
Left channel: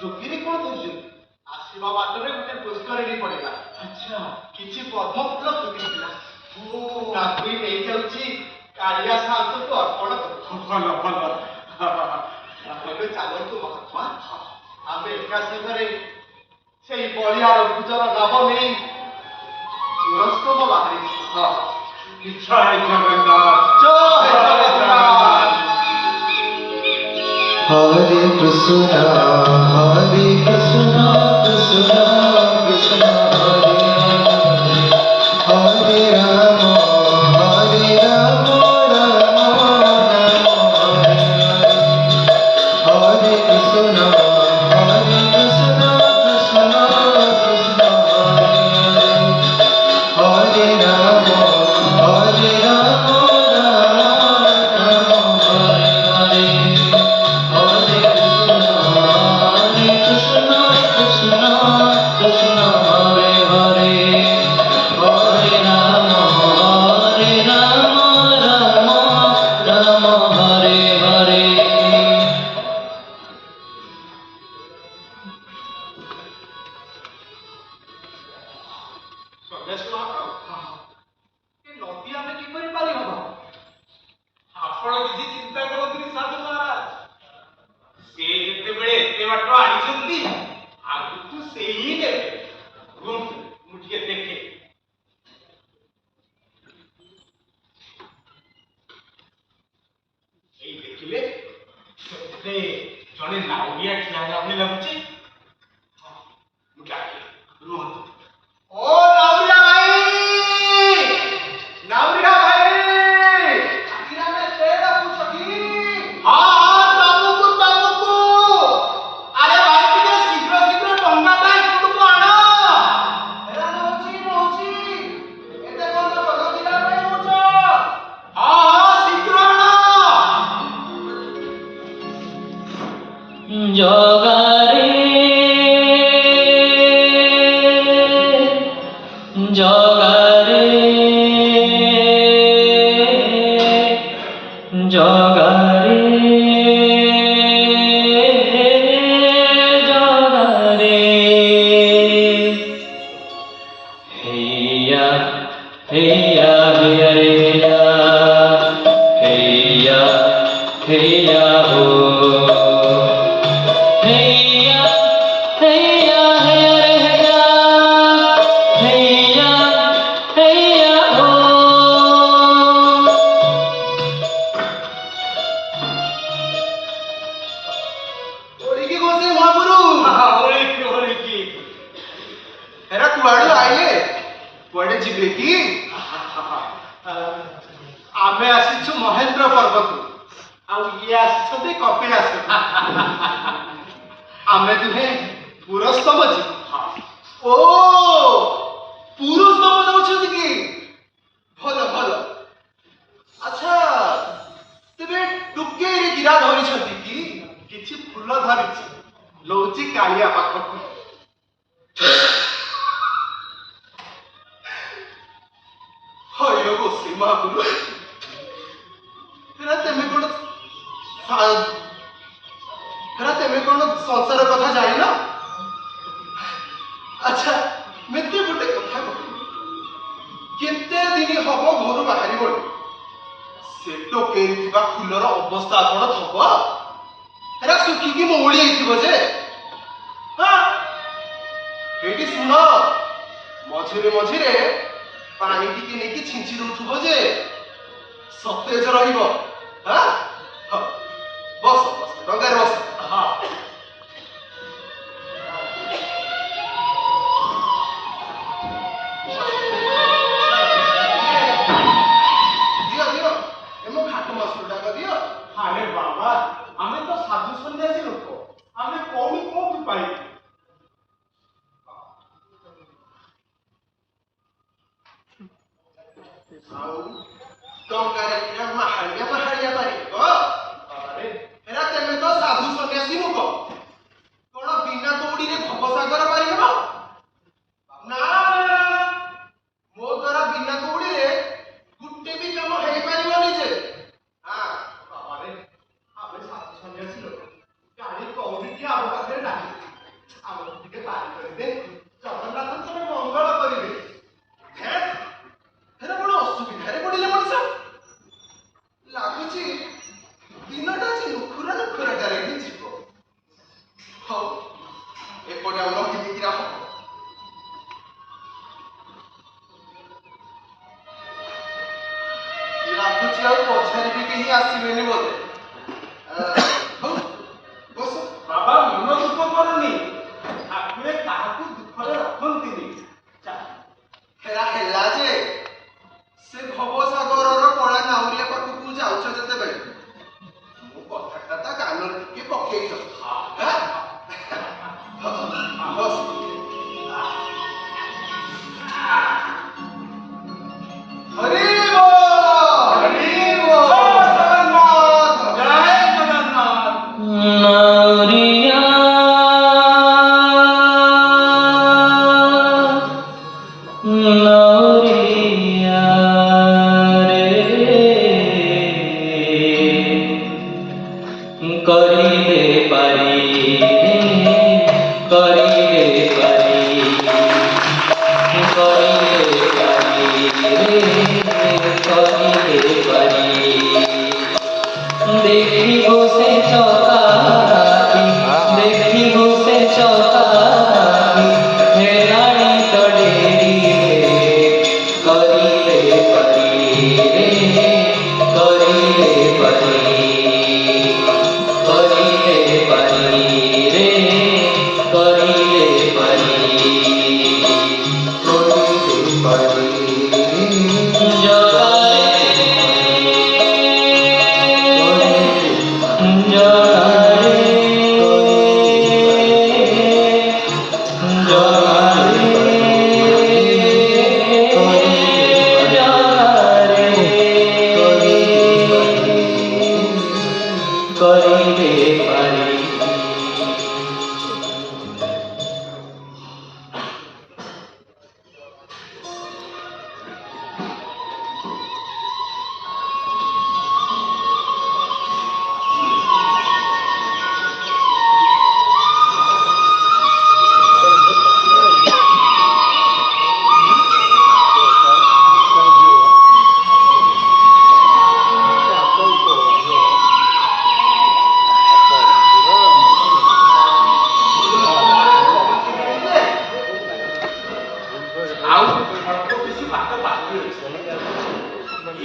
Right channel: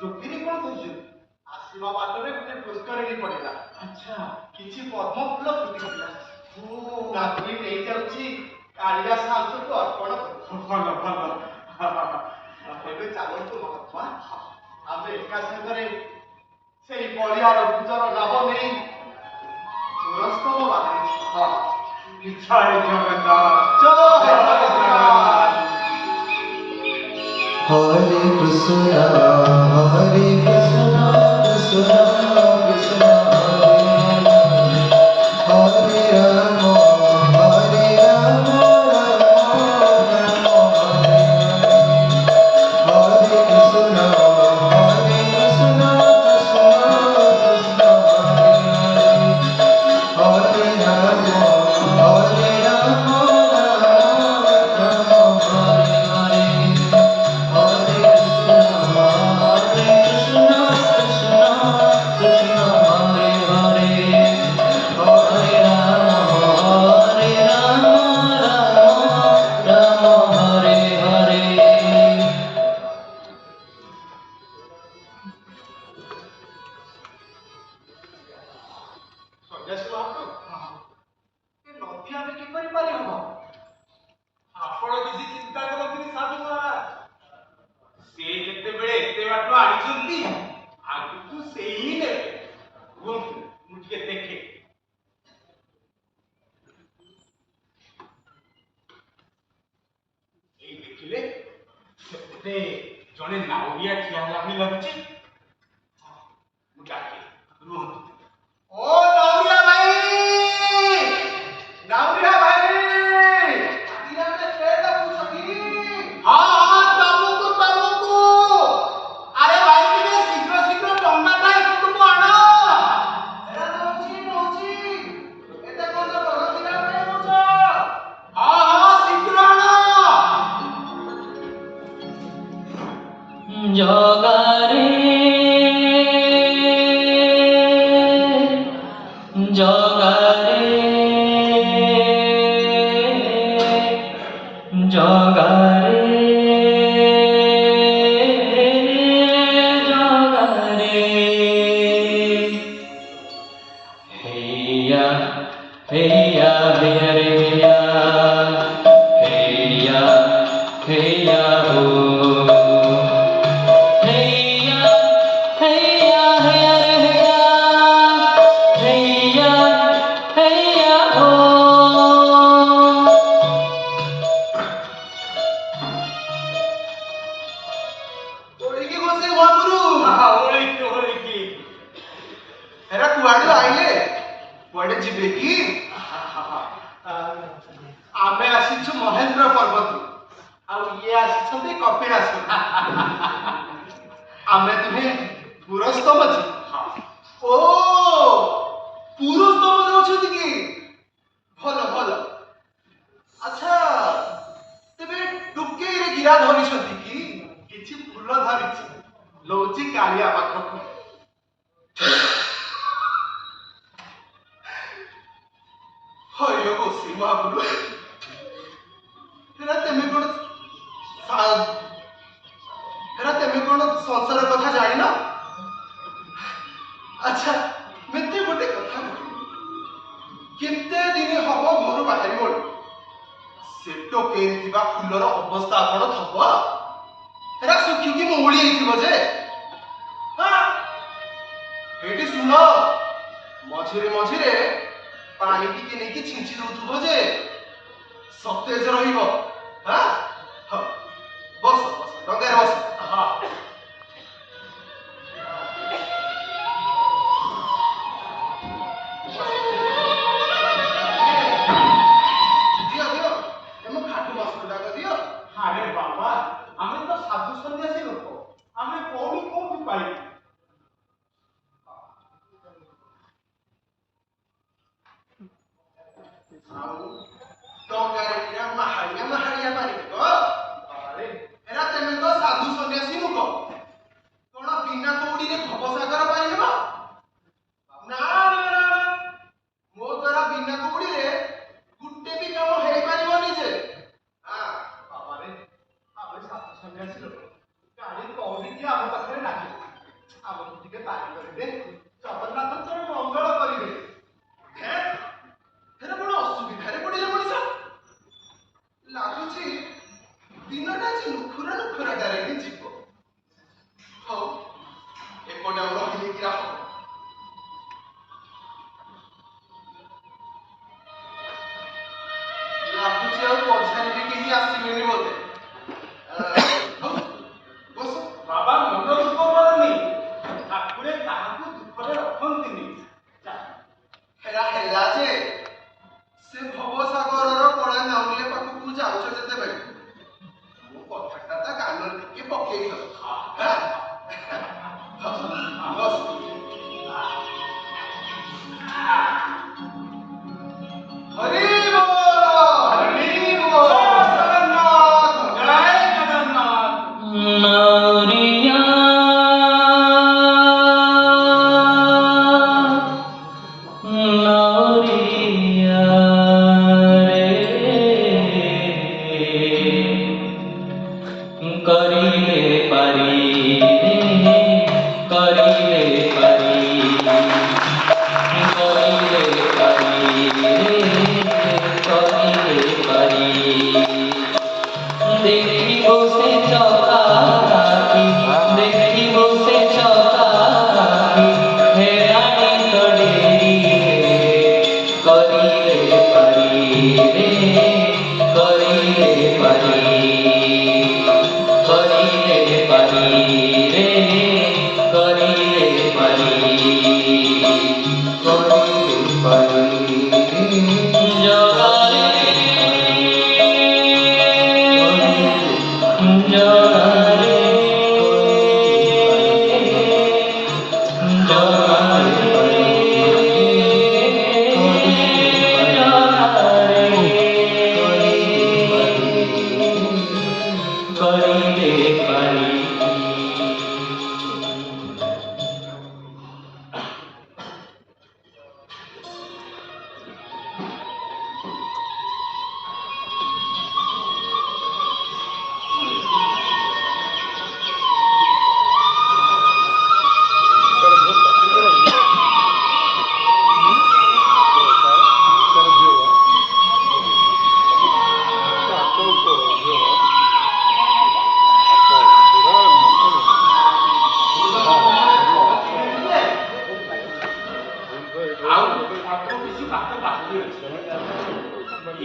ଟୋକିରି କଣ କହୁଛୁ? ଆସିବା ବାଟରେ ଗୋଟେ ପୁଷ୍କରିଣୀ ପଡିଲା। ଆଚ୍ଛା କିଛି ପଦ୍ମ ଫୁଲ ଫୁଟିଥିଲା। ତାକୁ ବି ନେଇଯାଉଛି କାଳିଆ ସାନ୍ତକୁ ଅର୍ପଣ କରୁ। ଭଲ ଭଲ ଏବେ ଚାଲନ୍ତୁ ମହାତ୍ମା ଆମେ ଏକା ସାଙ୍ଗରେ ସେଇ ବଳିଆର ଭୁଜର ନାମ ନେଇ ପୁରସ୍ତମ ବାହାରିଛୁ। ଜୟ ଜଗନ୍ନାଥ ଜୟ ଜଗନ୍ନାଥ। हरे कृष्ण कृष्ण कृष्ण हरे राम राम राम हरे हरे। हरे कृष्ण କପିଳାସ ମହାପ୍ରଭୁ ଏ ନଦୀ ଆମେ କିପରି ପାରି ହବ? ଆପଣ କିଛି ଚିନ୍ତା କରନ୍ତୁନି ସାଧୁ ମହାରାଜ, ସେ ଯେତେବେଳେ ଏତେ ବାଟ ଆଣିଛନ୍ତି ଆଗକୁ ସେଇ ହିଁ ନେବେ। ରୁହନ୍ତୁ, ମୁଁ ଟିକେ ଦେଖେ। ଏଇ ଦେଖିଲେ ସେଥିରେ ଜଣେ ନାଉରିଆ ଠିଆ ହେଲା ଭଳି ଲାଗୁଛି। ମୁଁ ଡାକେ, ରୁହନ୍ତୁ। ଓ ନାଉରିଆ ଭାଇ, ନାଉରିଆ ଭାଇ, ଆଜିରାମେ ସେ ଡାକୁଛ କି? ହଁ ହଁ, ତମକୁ ଆରେ ଭାଇ ଟିକେ ଶୀଘ୍ର ଶୀଘ୍ର ଡଙ୍ଗାଟା ଏପଟକୁ ଆଣ। ଏରା ନଉଛି ଏତେ କଣ ନଦୀରା ପାଇଁ କହୁଛ? ହଁ ହଁ, ଶୀଘ୍ର ଆଣ। ଜଗାରେ ଜଗାରେ ଜଗାରେ ଜଗାରେ ହେଇୟା ହେଇୟା ହେଇୟା ହେଇୟା ହେଇୟା ହୋ ହେଇୟା ହେଇୟା ହେଇୟା ରେ ହେଇୟା ହେଇୟା ହୋ ଓଳିକି ବସେ ମହାପୁରୁ। ଓଳିକି ଏରା କୁଆଡୁ ଆଇଲେ? କୁଆଡେ ଯିବେ କି? ଆମେ ଆସିଛୁ ମହେନ୍ଦ୍ର ପର୍ବତରୁ, ଆଉ ଇଏ ଆସିଛନ୍ତି କପିଳାସ। ଆମେ ଦୁହେଁ ପୁରସ୍ତମ ଯିବୁ। ଓ ପୁରସ୍ତମ ଯାଉଛନ୍ତି କି? ଭଲ ଭଲ। ଆଚ୍ଛା, ତେବେ ଟୁକେଇରେ ଗିରା ଧରିଛନ୍ତି କି? କିଛି ଫୁଲ ଧରିଛି, ଲଉଛି କାଳିଆ ପାଖକୁ। ହୟ ବସି ମହାପୁରୁ, ହେରା ତେମେ କଣ ସଂସାର କଥା ଜାଣିନ? ଆଚ୍ଛା, ମତେ ଗୋଟେ କଥା କହ, କେତେ ଦିନ ହବ ଘରୁ ବାହାରିବଣି? ସେ ଟୋକେଇରେ ଥିବା ଫୁଲର ଅବସ୍ଥା କଣ ଥବ? ହେରା ଶୁଖିକି ମଉଳି ହେଇଥିବ ଯେ। ଏଇଠି ଶୁଣ, ମଝିରେ ମଝିରେ ପାଣି ଟିକେ ନେଇକି ଛିଞ୍ଚି ଦଉଥିବ ଯେ ସତେଜ ରହିବ। ବସ ବସ, ଡଙ୍ଗାରେ ବସ। ଦିଅ ଦିଅ, ମୋ ଖାଟୁ ମାଷ୍ଟର ଡାକ ଦିଅ। ଆରେ ବାବା, ଆମେ ତ ସାଧୁ ସନ୍ନ୍ୟାସୀ ଲୋକ, ଆମେ କୋଉଠି କୋଉଠି ପାଇବୁ? ଆଉ ଡଙ୍ଗାରେ କିରା ମାହାଳିଆ ମାହାଳିଆ ପାରିବ? ହେରା ତେମେ ତ ସାଧୁ ସନ୍ନ୍ୟାସୀ ଲୋକ, କଣ ବିନା ଦୌଡ଼ିରେ ଭବସାଗର ପାରିହେବ? ନା, ମୋ ଦ୍ୱାରା ବିନା ଦୌଡ଼ିରେ ଗୋଟେ ବି କାମ ହେଇପାରିବନି ଯେ। ବାବାରେ, ଆମେ ସାଧୁ ସନ୍ନ୍ୟାସୀ ଲୋକ, ଗାଡ଼ି କଉଡ଼ିଟି ଆମ ପାଖରେ ନାହିଁ। ଆମକୁ ଟିକେ ପାରି କରିଦେ, ଜଗନ୍ନାଥ ତୋର ମଙ୍ଗଳ କରିବେ। ହେରା ବଡ଼ ଅସୁବିଧାରେ ପଡ଼ିଲେ ମଣିଷ। ଲାଗୁଛି ଦିନଟା ଯେ ନୁଖୁରାଟାରେ ହିଁ ଯିବ। ହଉ, ଏପଟେ ଆଉ ରହିଲେ କିରା ହବ? ଲାଗୁଛି ଆଉ ପଛରେ ବି କେହି ଆସିବେନି ବୋଧେ। ହଉ, ବସ। ବାବା, ମନ ଦୁଃଖ କରନି, ଠାକୁରେ କାହାକୁ ଦୁଃଖରେ ରଖନ୍ତିନି। ହେରା ହେଲା ଯେ ସେ ଭବସାଗରର କଳା ନାଉରିଆ ପାଖକୁ ଯାଉଛ ଯେତେବେଳେ ମୋ କଥାଟା ତା କାନରେ ଟିକେ ପକେଇଛ। ବସ। ହରି ବୋଲ, ହରି ବୋଲ। ଜୟ ଜଗନ୍ନାଥ। ନାଉରିଆ ନାଉରିଆ ରେ କରିଲେ ପାରି রে କରିଲେ ପାରି କରିଲେ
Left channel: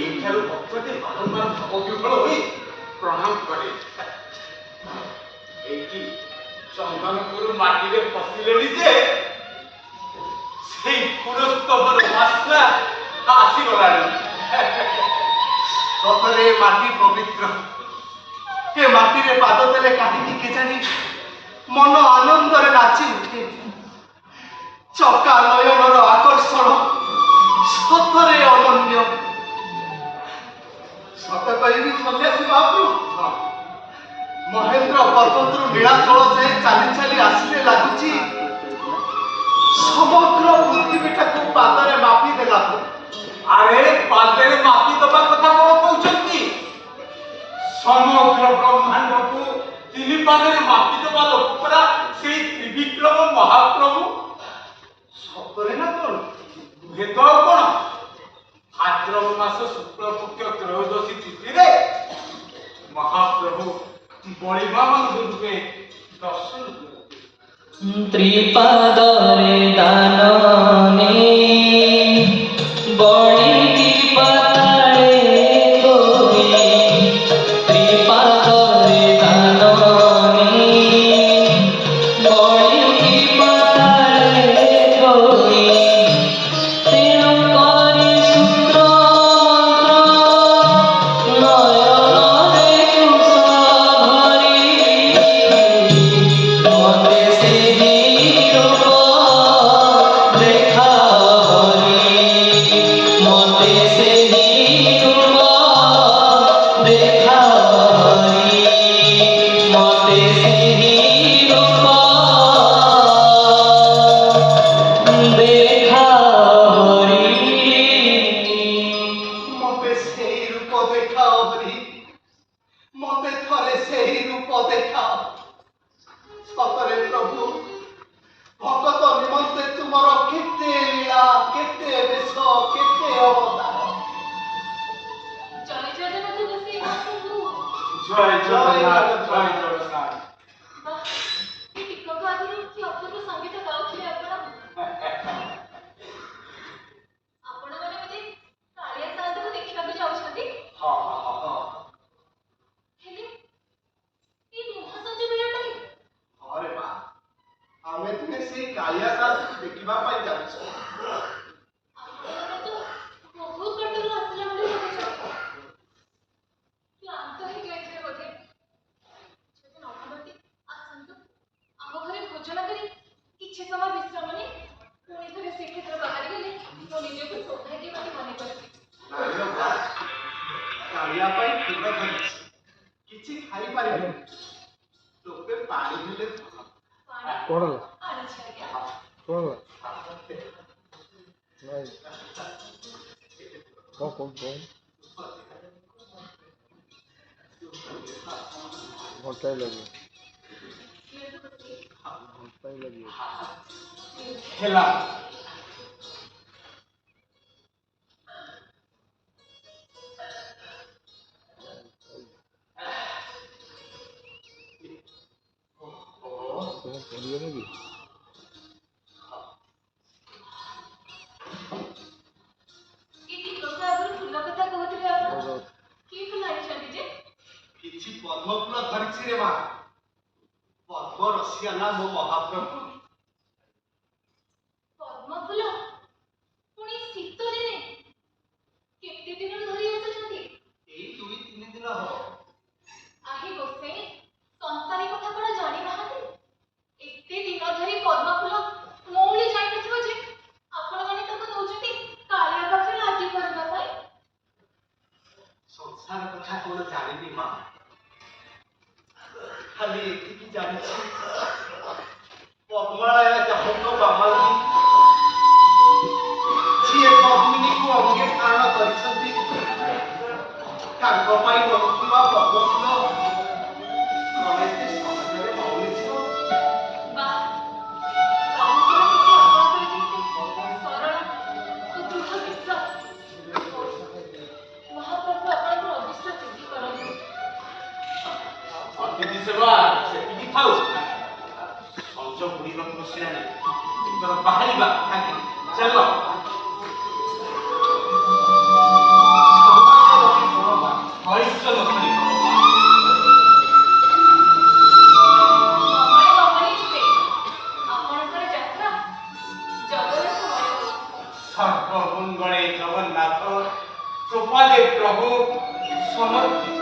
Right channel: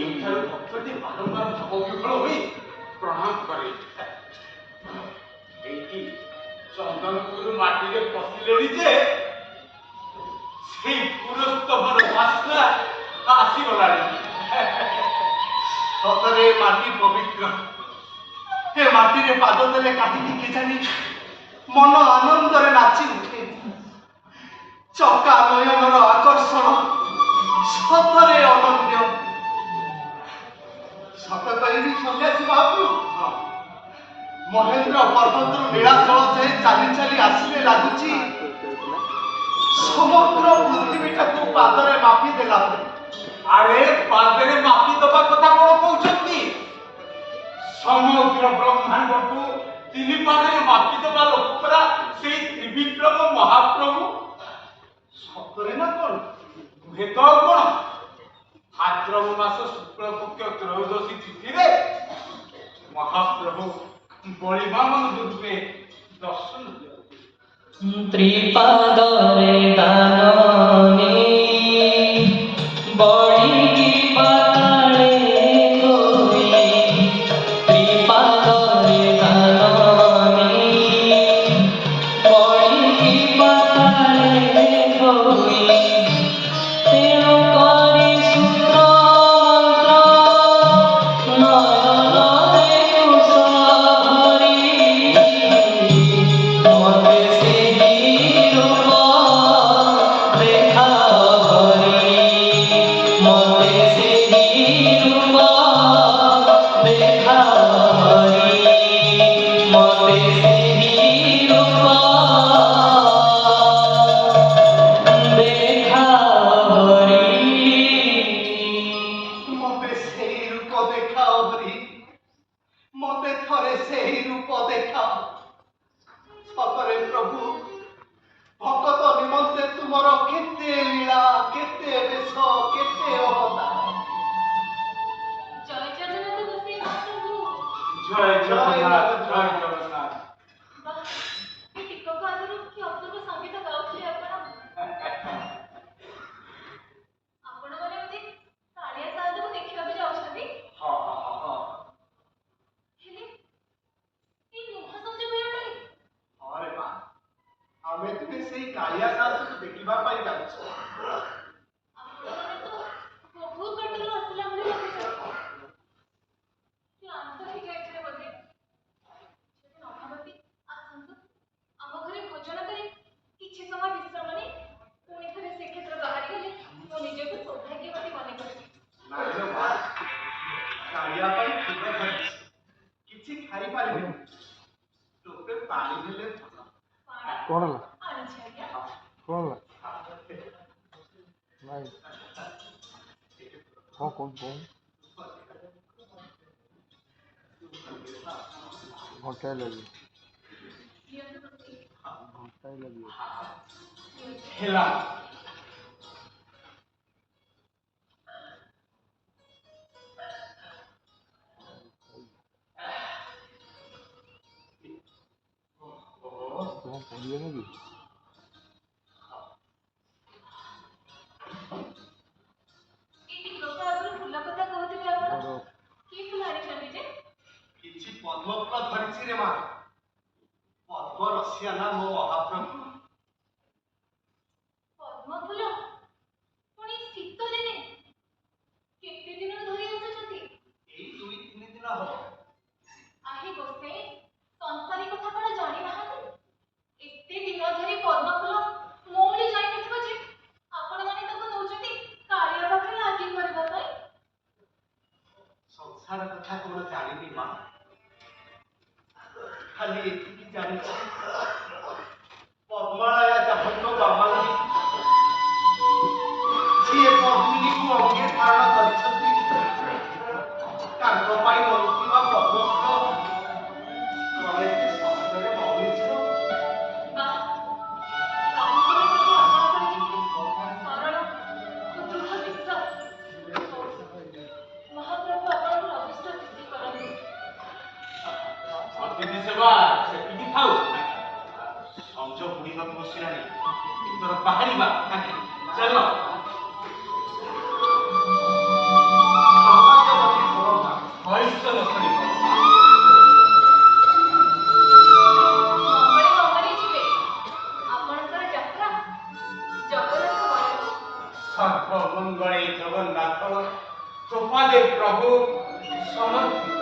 ଏଇଠାରୁ ଭକ୍ତଟି ବାରମ୍ବାର ଭାବବିହ୍ୱଳ ହୋଇ ପ୍ରଣାମ କରେ। ଏଇଠି ଚନ୍ଦନପୁର ମାଟିରେ ପଶିଲେଣି ଯେ ସେଇ ପୁରସ୍ତମର ବାସ୍ନା ଆସିଗଲାଣି। ସତରେ ମାଟି ପବିତ୍ର। ଏ ମାଟିରେ ପାଦ ଦେଲେ କାହିଁକି କେଜାଣି ମନ ଆନନ୍ଦରେ ନାଚି ଉଠେ। ଚକା ନୟନର ଆକର୍ଷଣ ସତରେ ଅନନ୍ୟ। ସତ କହିବି ସନ୍ନ୍ୟାସୀ ମହାପ୍ରଭୁ, ମହେନ୍ଦ୍ର ପର୍ବତରୁ ନୀଳାଚଳ ଯାଏ ଚାଲି ଚାଲି ଆସିଲେ ଲାଗୁଛି ସମଗ୍ର ପୃଥିବୀଟାକୁ ପାଦରେ ମାପି ଦେଲା। ଆରେ ପାଦରେ ମାପି ଦେବା କଥା କଣ କହୁଛନ୍ତି? ସମଗ୍ର ବ୍ରହ୍ମାଣ୍ଡକୁ ତିନି ପାଦରେ ମାପି ଦେବା ଲୋକ ପରା ସେଇ ତ୍ରିବିକ୍ରମ ମହାପ୍ରଭୁ। ସତରେ ନା କଣ? ଭେଦ ଆଉ କଣ? ଭାଦ୍ରବ ମାସ ଶୁକ୍ଳପକ୍ଷ ତ୍ରୟୋଦଶୀ ତିଥିରେ ମହାପ୍ରଭୁ ବଳିବାମନ ରୂପେ ଦର୍ଶନ ଦିଅନ୍ତି। ତ୍ରିପାଦରେ ଦାନନେ ବଢ଼ିକି ପାତାଳେ ଗୋଇ ତ୍ରିପାଦରେ ଦାନନେ ବଢ଼ିକି ପାତାଳେ ଗୋଇ ତେଣୁ କରି ସୂତ୍ର ମନ୍ତ୍ର ନୟନରେ କୁଶ ଭରି ମତେ ସେହି ରୂପ ଦେଖାରି ମତେ ସେହି ରୂପ ଦେଖାରି ମତେ ସେହି ରୂପ ମତେ ସେଇ ରୂପ ଦେଖାଅ ହରି, ମତେ ଥରେ ସେଇ ରୂପ ଦେଖାଅ। ସତରେ ପ୍ରଭୁ, ଭଗତ ନିମନ୍ତେ ତୁମର କେତେ ଲୀଳା, କେତେ ବେଶ, କେତେ ଅବତାର। ଜୟ ଜଗନ୍ନାଥ ଗୋସାଇଁ ମହାପ୍ରଭୁ। ଜୟ ଜଗନ୍ନାଥ, ଜୟ ଜଗନ୍ନାଥ। ବାଃ, ଏ ଟିକକ ଆଗରୁ କି ଅପୂର୍ବ ସଙ୍ଗୀତ ଗାଉଥିଲେ ଆପଣ। ଆପଣମାନେ ବୋଧେ କାଳିଆ ସାଆନ୍ତକୁ ଦେଖିବାକୁ ଯାଉଛନ୍ତି? ହଁ। ହେଲେ ଏଇ ମହାସଞ୍ଜ ବେଳଟାରେ ହଁ ରେ ମା, ଆମେ ତୁମେ ସେଇ କାଳିଆ ସାଆନ୍ତକୁ ଦେଖିବା ପାଇଁ ଯାଉଛୁ। ଆପଣମାନେ ତ ବହୁତ ବାଟରୁ ଆସିଲା ଭଳି ଲାଗୁଛନ୍ତି। କ୍ଳାନ୍ତ ହେଇଯାଇଥିବେ ବୋଧେ। ଯଦି ନ ଭାବନ୍ତି, ଆସନ୍ତୁ ଆମ ଘରେ ଭୋଜନ କରି କିଛି ସମୟ ବିଶ୍ରାମ ନେଇ ପୁଣି ଥରେ ଶ୍ରୀକ୍ଷେତ୍ର ବାହାରିଗଲେ ମୁଁ ନିଜକୁ ସୌଭାଗ୍ୟବତୀ ମନେ କରିବି। ନାଇଁ ମା, କାଳିଆ ପାଇଁ କ୍ଷୀର ଧରିଛି, କିଛି ଖାଇପାରିବିନି। ତୋତେ ପାଣି ଦେଲେ ଭଲ। ପାଣି କଣ ହେଲା? ଆଣିଛି ଆଜ୍ଞା। କଣ ହେଲା? ନାଇଁ କଣ ଘଣ୍ଟାଏ ଲାଗିବ, ଦିଅନ୍ତୁ ଗୋଟିଏ। ଘଣ୍ଟାଏ ଲାଗିବ। ହେଲା। କଣ କରିବେ ନାକି? ଏ ଟିକକ ଆଗରୁ ଫୁଲ କଥା କହୁଥିଲେ ଆପଣ। କି ଫୁଲ ଆଣିଛନ୍ତି ଯେ? କିଛି ପଦ୍ମ ଫୁଲ ଧରିଛି ରେ ମା। ପଦ୍ମ ରସିଆ ନା ମୋ ମହାପ୍ରଭୁ। ପଦ୍ମ ଫୁଲ? ପୁଣି ଶୀତ ଦିନେ? କେତେ ଦିନରୁ ଧରି ଆସୁଛନ୍ତି? ଏଇ 2-3 ଦିନ ହବ। ଆହି ଗୋସାଇଁ, ସଂସାରୀ କଥା କଣ ଜାଣିନାହାନ୍ତି? ଏତେ ଦିନ ଧରି ପଦ୍ମ ଫୁଲ ମଉଳି ଯାଇନଥିବ ଯେ ଆପଣମାନେ ତାକୁ ନଉଛନ୍ତି କାଳିଆ ପାଖରେ ଆଦି କରିବା ପାଇଁ। ସଂସାର କଥା କଣ ଜାଣିବି ମା, ଖାଲି ଏତିକି ଜାଣିଛି ପଦ୍ମାଳୟା ଯାହାଙ୍କ ବାମାଲି ଯିଏ ପଦ୍ମିନୀକୁ ଅଙ୍ଗେ ଧାରଣ କରିଛନ୍ତି, ତାଙ୍କ ପାଇଁ ରହୁଥିବା ପଦ୍ମ ଫୁଲ କଣ ଏତେ ସହଜରେ ମଉଳିଯିବ? ବାଃ, ପ୍ରଭୁଙ୍କର ପ୍ରତି ଆପଣଙ୍କର ଯେମିତି ସରଳ ଓ ଦୃଢ଼ ବିଶ୍ୱାସ। ମହାପ୍ରଭୁ ଆପଣଙ୍କର ଅବିଶ୍ୱାସ ବୃଦ୍ଧି କରନ୍ତୁ। ଅତିଥି ସେବା ସେତିକି ଥାଉ। ସଞ୍ଜ ବୁଡ଼ିବାକୁ ବସିଲାଣି, ବାହାରିବା ଚାଲ। সর্বমঙ্গলে জগন্নাথ প্রপাদে প্রভু সমর্পিত।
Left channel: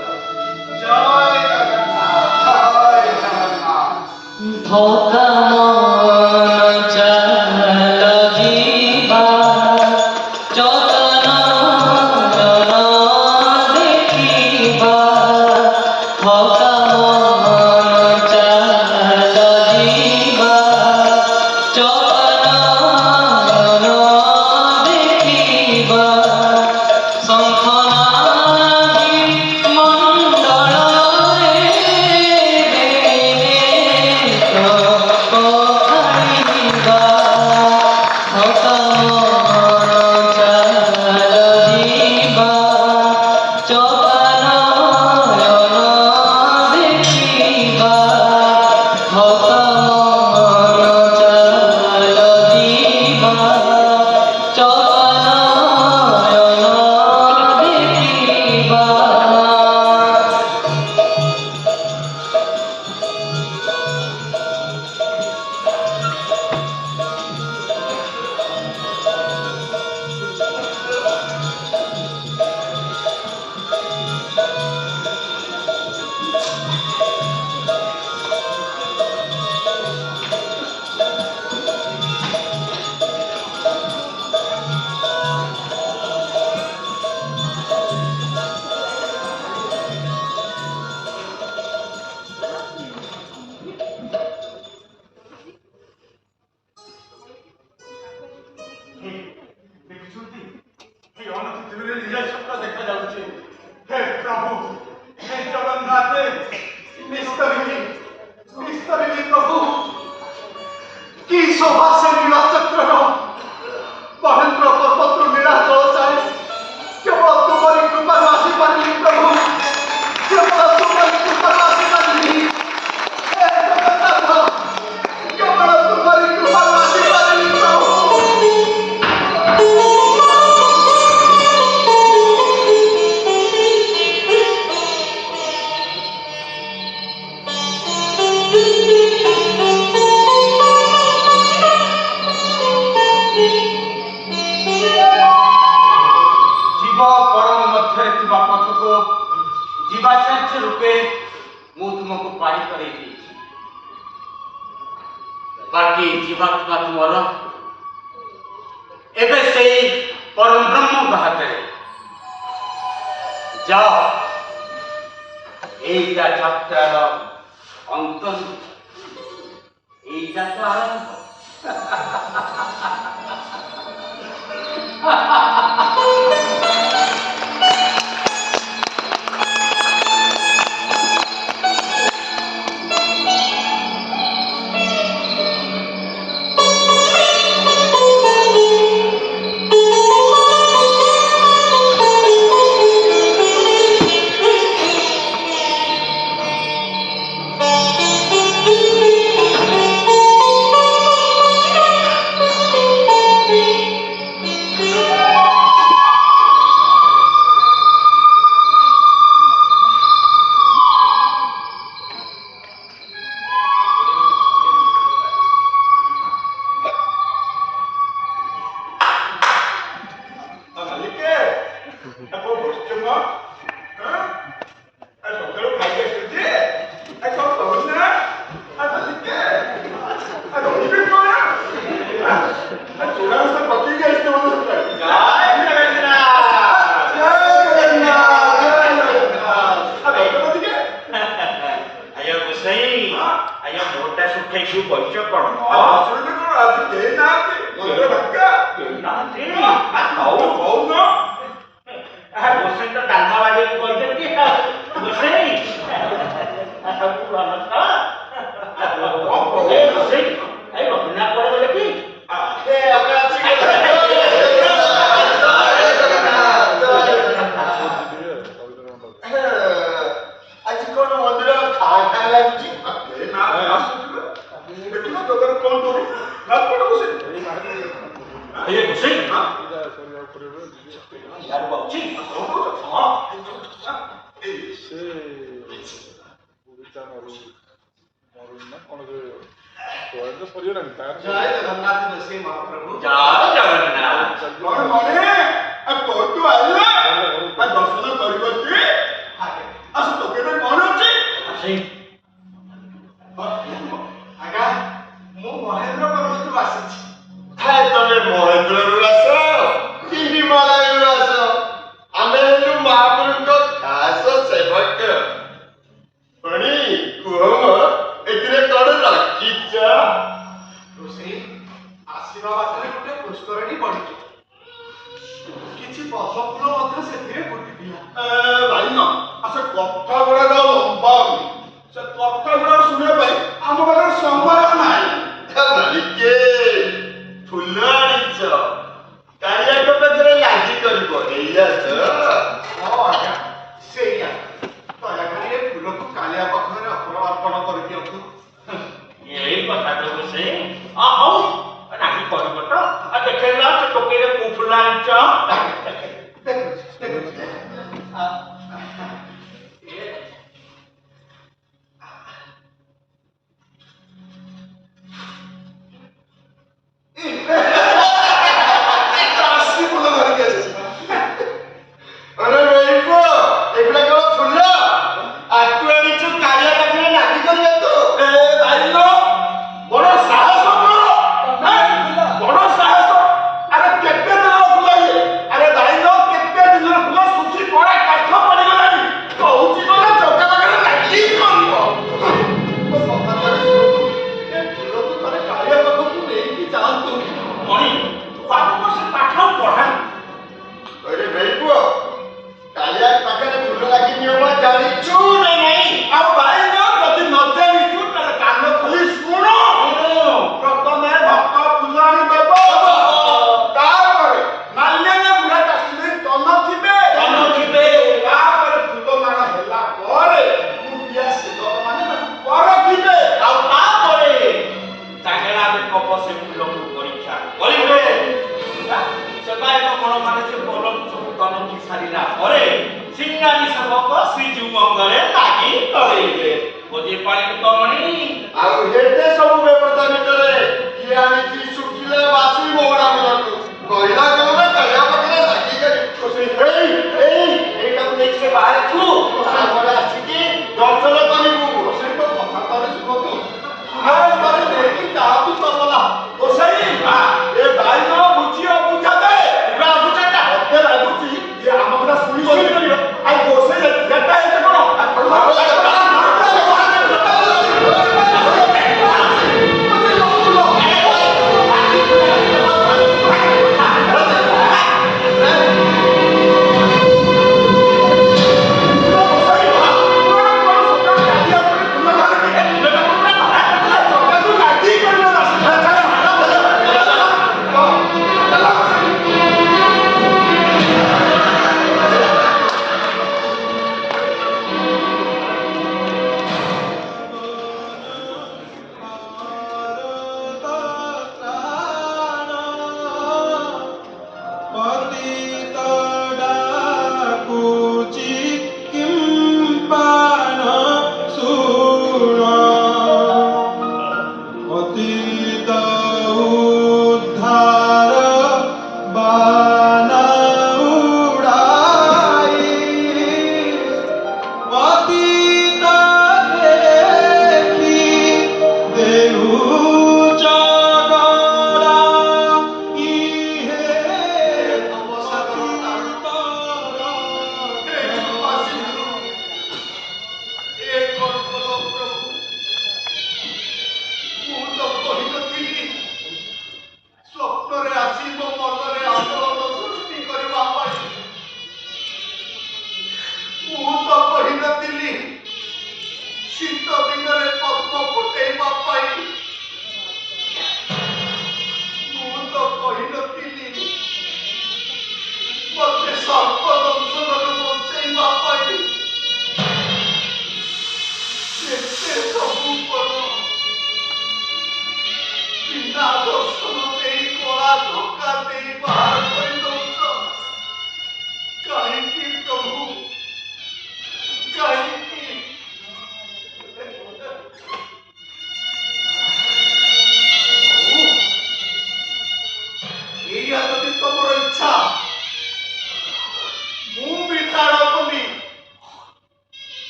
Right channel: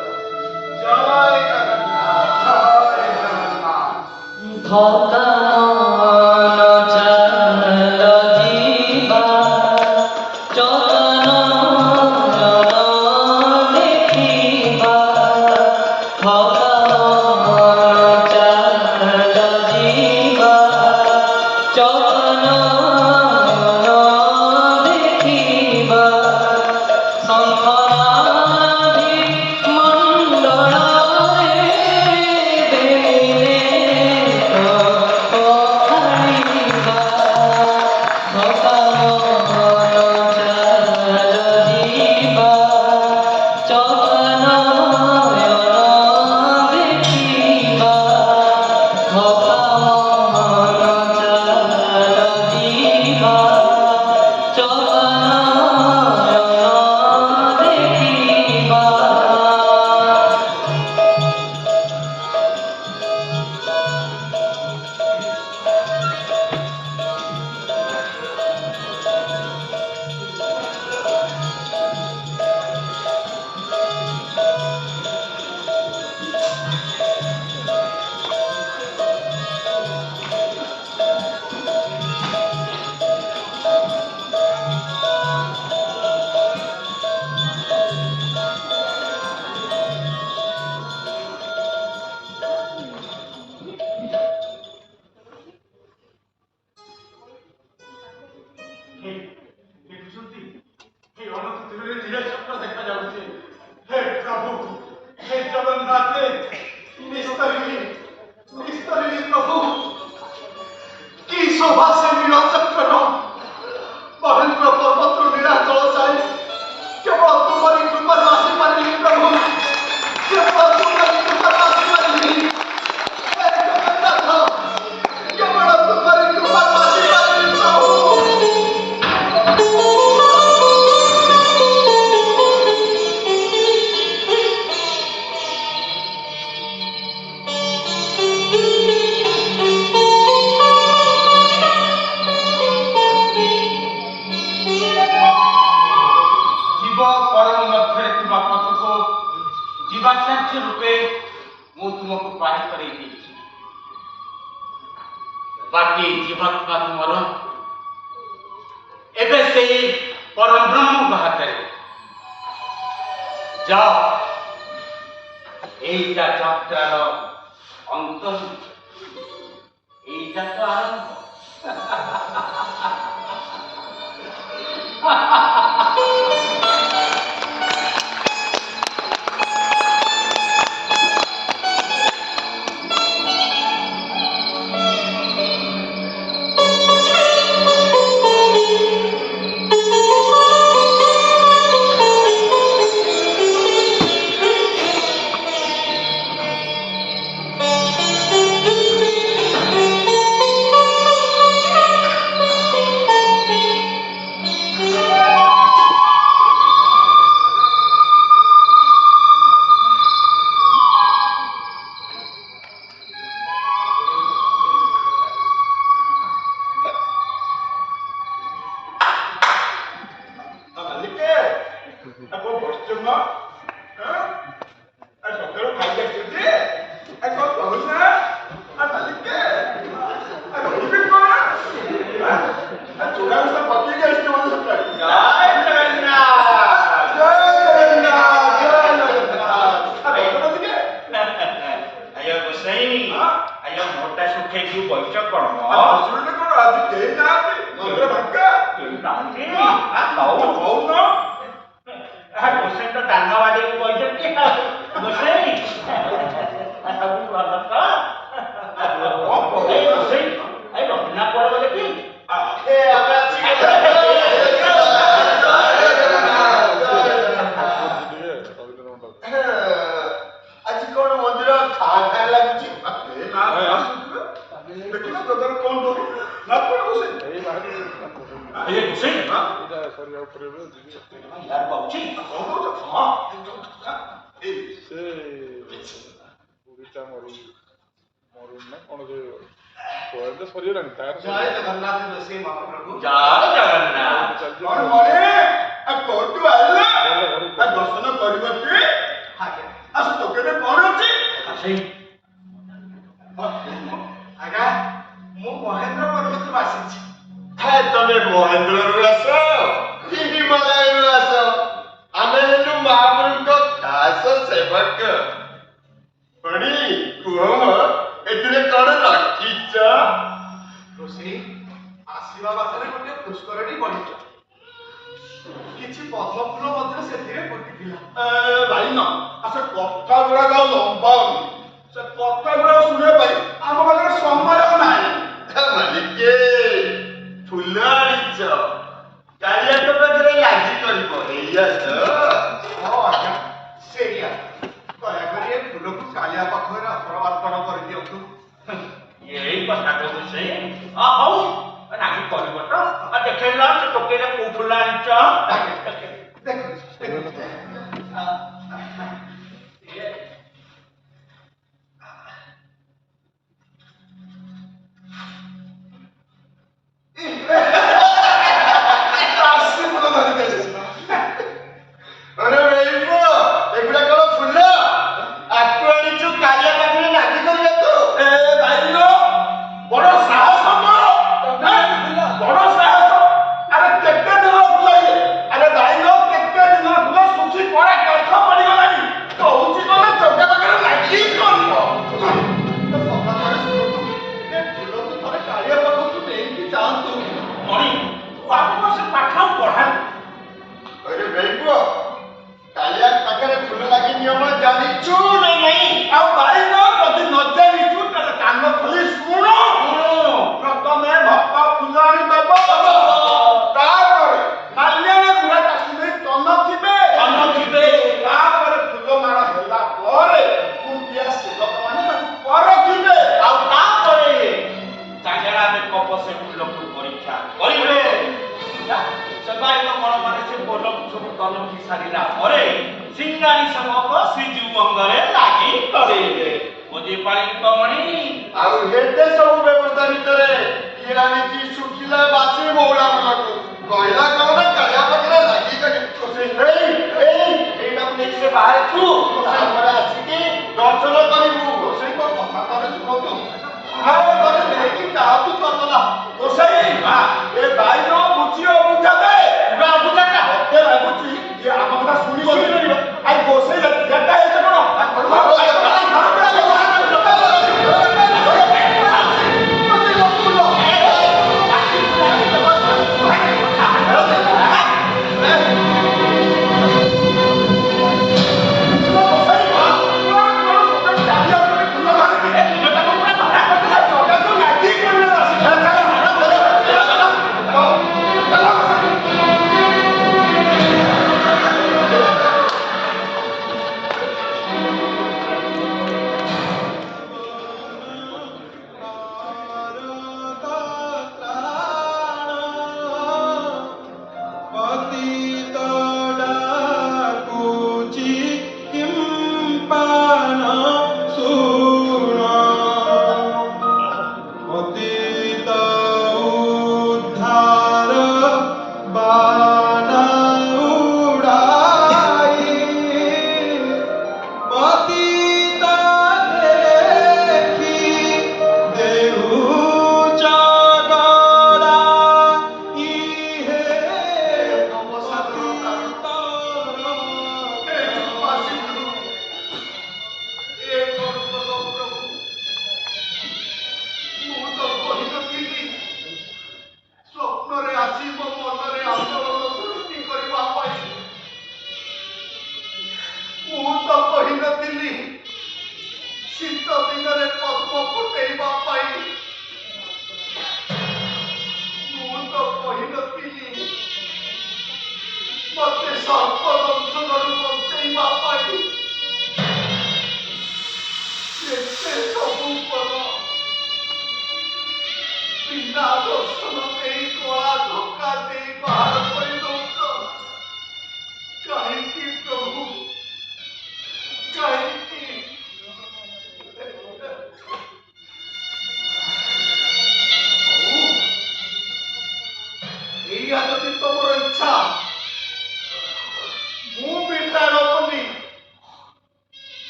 জয় জগন্নাথ, জয় জগন্নাথ। ধোকা চাল জিবা চতন দেখিবা ধোকা চাল জিবা চতন দেখিবা শঙ্খনাদি মণ্ডଳରେ ଦେଖୁଛନ୍ତି ଏ ଅନତିରେ ନିଜ ସତ୍ୟ ଦେଖାଯାଉଛି। ହେ ପ୍ରଭୁ, ହେ ଜଗନ୍ନାଥ, ନିସ୍ତରିଣୀ ପ୍ରଭୁ, କି ଶୋଭା ସେ ନୀଳଚକ୍ରର ମହେନ୍ଦ୍ର ପର୍ବତରୁ ନୀଳାଚଳ ଯାଏ କେବଳ ତୁମରି କୃପାରୁ ଆସିପାରିଲି ପ୍ରଭୁ, କେବଳ ତୁମରି କୃପାରୁ ଆସିପାରିଲି। ହେ ଜଗନ୍ନାଥ, କେବଳ ତୁମରି କୃପାରୁ ଆସିପାରିଲି ପ୍ରଭୁ। জীব পরম ମଧ୍ୟରେ ଥିବା ପଥକୁ ଜୀବାଚାର୍ଯ୍ୟ ରୂପେ ମୁଁ ତୁମକୁ ପାଣି କରେଇ ଦେଇଛି। ବାକି ଜୀବାତ୍ମା ତୁମର ଏବେ ସେଇ ପରମ ବ୍ରହ୍ମଙ୍କ ହାତରେ। ଯାଅ, ଏଇଟା ଯାତ୍ରାର ଅନ୍ତ, ଏଇଟା ତ ଆରମ୍ଭ। ଜୟ ଜଗନ୍ନାଥ ଦୋଷୀ ମହାପ୍ରଭୁ। ଜୟ ଜଗନ୍ନାଥ। ମହେନ୍ଦ୍ରରୁ ଆସ କି ହିମାଳୟରୁ ଆସ, ଆମେ ହେଲୁ ମହାପ୍ରଭୁଙ୍କ ଖାସ ସେବକ। ଭଣୀ କୁହ ଏଥିରେ କଣ ରଖିଛ? ରୋଷେଇ ଆସିବା ବାଟରେ ଗୋଟେ ପୁଷ୍କରଟି ପଡ଼ିଛି, କିଛି ପଦ୍ମ ଫୁଲ ମଧ୍ୟ ସେଥିରେ ଫୁଟିଥିଲା। ଭାଇନା ସେ କଥା ଗୁଡାକ ଲମ୍ବା ହଉନି, ସେ କଥା ଗୁଡାକ ଶୁଣିବା ପାଇଁ ଆମ ପାଖରେ ସମୟ ନାହିଁ। ମାଲିକେ ଫୁଲ ଆଣିଛ, କାଳିଆଙ୍କ ପାଖରେ ଲାଜି କରିବ, ଏଇଆ ତ? ହଁ ଆଜ୍ଞା, ସେଇଆ। ଦୟାକରି ଏ ଫୁଲକୁ କାଳିଆ ପାଖରେ ଅର୍ପଣ କରିଦିଅନ୍ତୁ। ଏଇ କଥା କହୁଛୁ ସେ ହଉ ରାଜି କରିବ ତ? ଦେଖେଇଲା ଟୋକେଇରେ କୋଉ ଫୁଲ ଆଣିଛ? ଦେଖୁଛି। अरे वेइबो एगुडा कलो फुल आतु आनिचु कालिया पाखरे नाटी करिया तो ए भाईलो बड़ साहस तोर बड़ साहस। अरे केते दिन फुलाइए, अरे भाईलो केते दिन फुला सुची पड़े काठ पड़ी गलानी कहूची तो ना चौका पाखरे नाटी करियो। କଥା ଥରେ ଶୁଣନ୍ତୁ, ଏ ଫୁଲକୁ ଥରେ କାଳିଆ ପାଖକୁ ନେଇକି ଯାଆନ୍ତୁ। ମଣି ତୁ ଆଗ ବର୍ଷ ପାଠ ପଢାନି। अरे वेइबो कालिया पाखरे फुल लागी नियम जानिचु नहीं ଆଉ ଭାଇଲୋ ଯଦି ନ ଜାଣିଛୁ ତାହେଲେ କାନ ଖୋଲି ଶୁଣ। ପ୍ରଥମେ ଭକ୍ତ ଫୁଲ ଆଣି ଦେବ, तापर ମାଲ୍ୟରେ ବୁଢା ଚାଷୀ ତନ ଥିବେ ତାପରେ ଫୁଲ ମାଳ ହେଲା ପରେ ମୁଣ୍ଡିଆ ସେବକମାନେ ତାକୁ ପରଖିବେ, ଆଉ ତାପରେ ଚାଙ୍ଗେଡା ବେକ ସେ ଫୁଲକୁ ପରୀକ୍ଷା କରିବେ। ସେବାୟତ ଗଣମାନେ ସେ ଫୁଲକୁ ସବୁ ତନଖି ସାରିଲା ପରେ ସିଙ୍ଗାରୀ ସେବକ ଶ୍ରୀଜୀଉମଙ୍ଗରେ ଲାଗି କରେଇବେ। ବୁଝିପାରିଲୁ ତ ମଣି? ଆଉ ଏତେ ସବୁ ବ୍ୟବସ୍ଥା ଭିତରେ କିଏ ଆଣିଛି ଶୁଖିଲା ବାସି ମହୁରା ଫୁଲକୁ କହିଲା କଣ କାଳିଆ ପାଖରେ ଲାଗି କରି ଏଇଟାକୁ ନେଇକି ସେ ବାହାରେ ଥୁ, ତାପରେ ଆସିକି ଦର୍ଶନ କରିବୁ। ରୋଷେଇ ତ କଥା ଥରେ ଶୁଣନ୍ତୁ, ଆଉ ଥରେ ନେଇକି ଯାଆନ୍ତୁ ତବଲା। ରୋଷେଇ ଏ ଭାଇର ବୁଝିବ ବୁଝାତେ ବୁଝାଟା ମତେ ଲାଗୁଛି ଏ ଆମ କଥା ଶୁଣି କରିବ। ଆଉ ରୋଷେଇ ଯେଟା ହେଇছে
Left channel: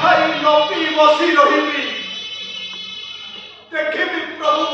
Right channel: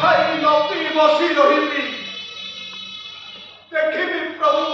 ଖାଇ ନ ପିଇ ବସି ରହିବି, ଦେଖିବି ପ୍ରଭୁ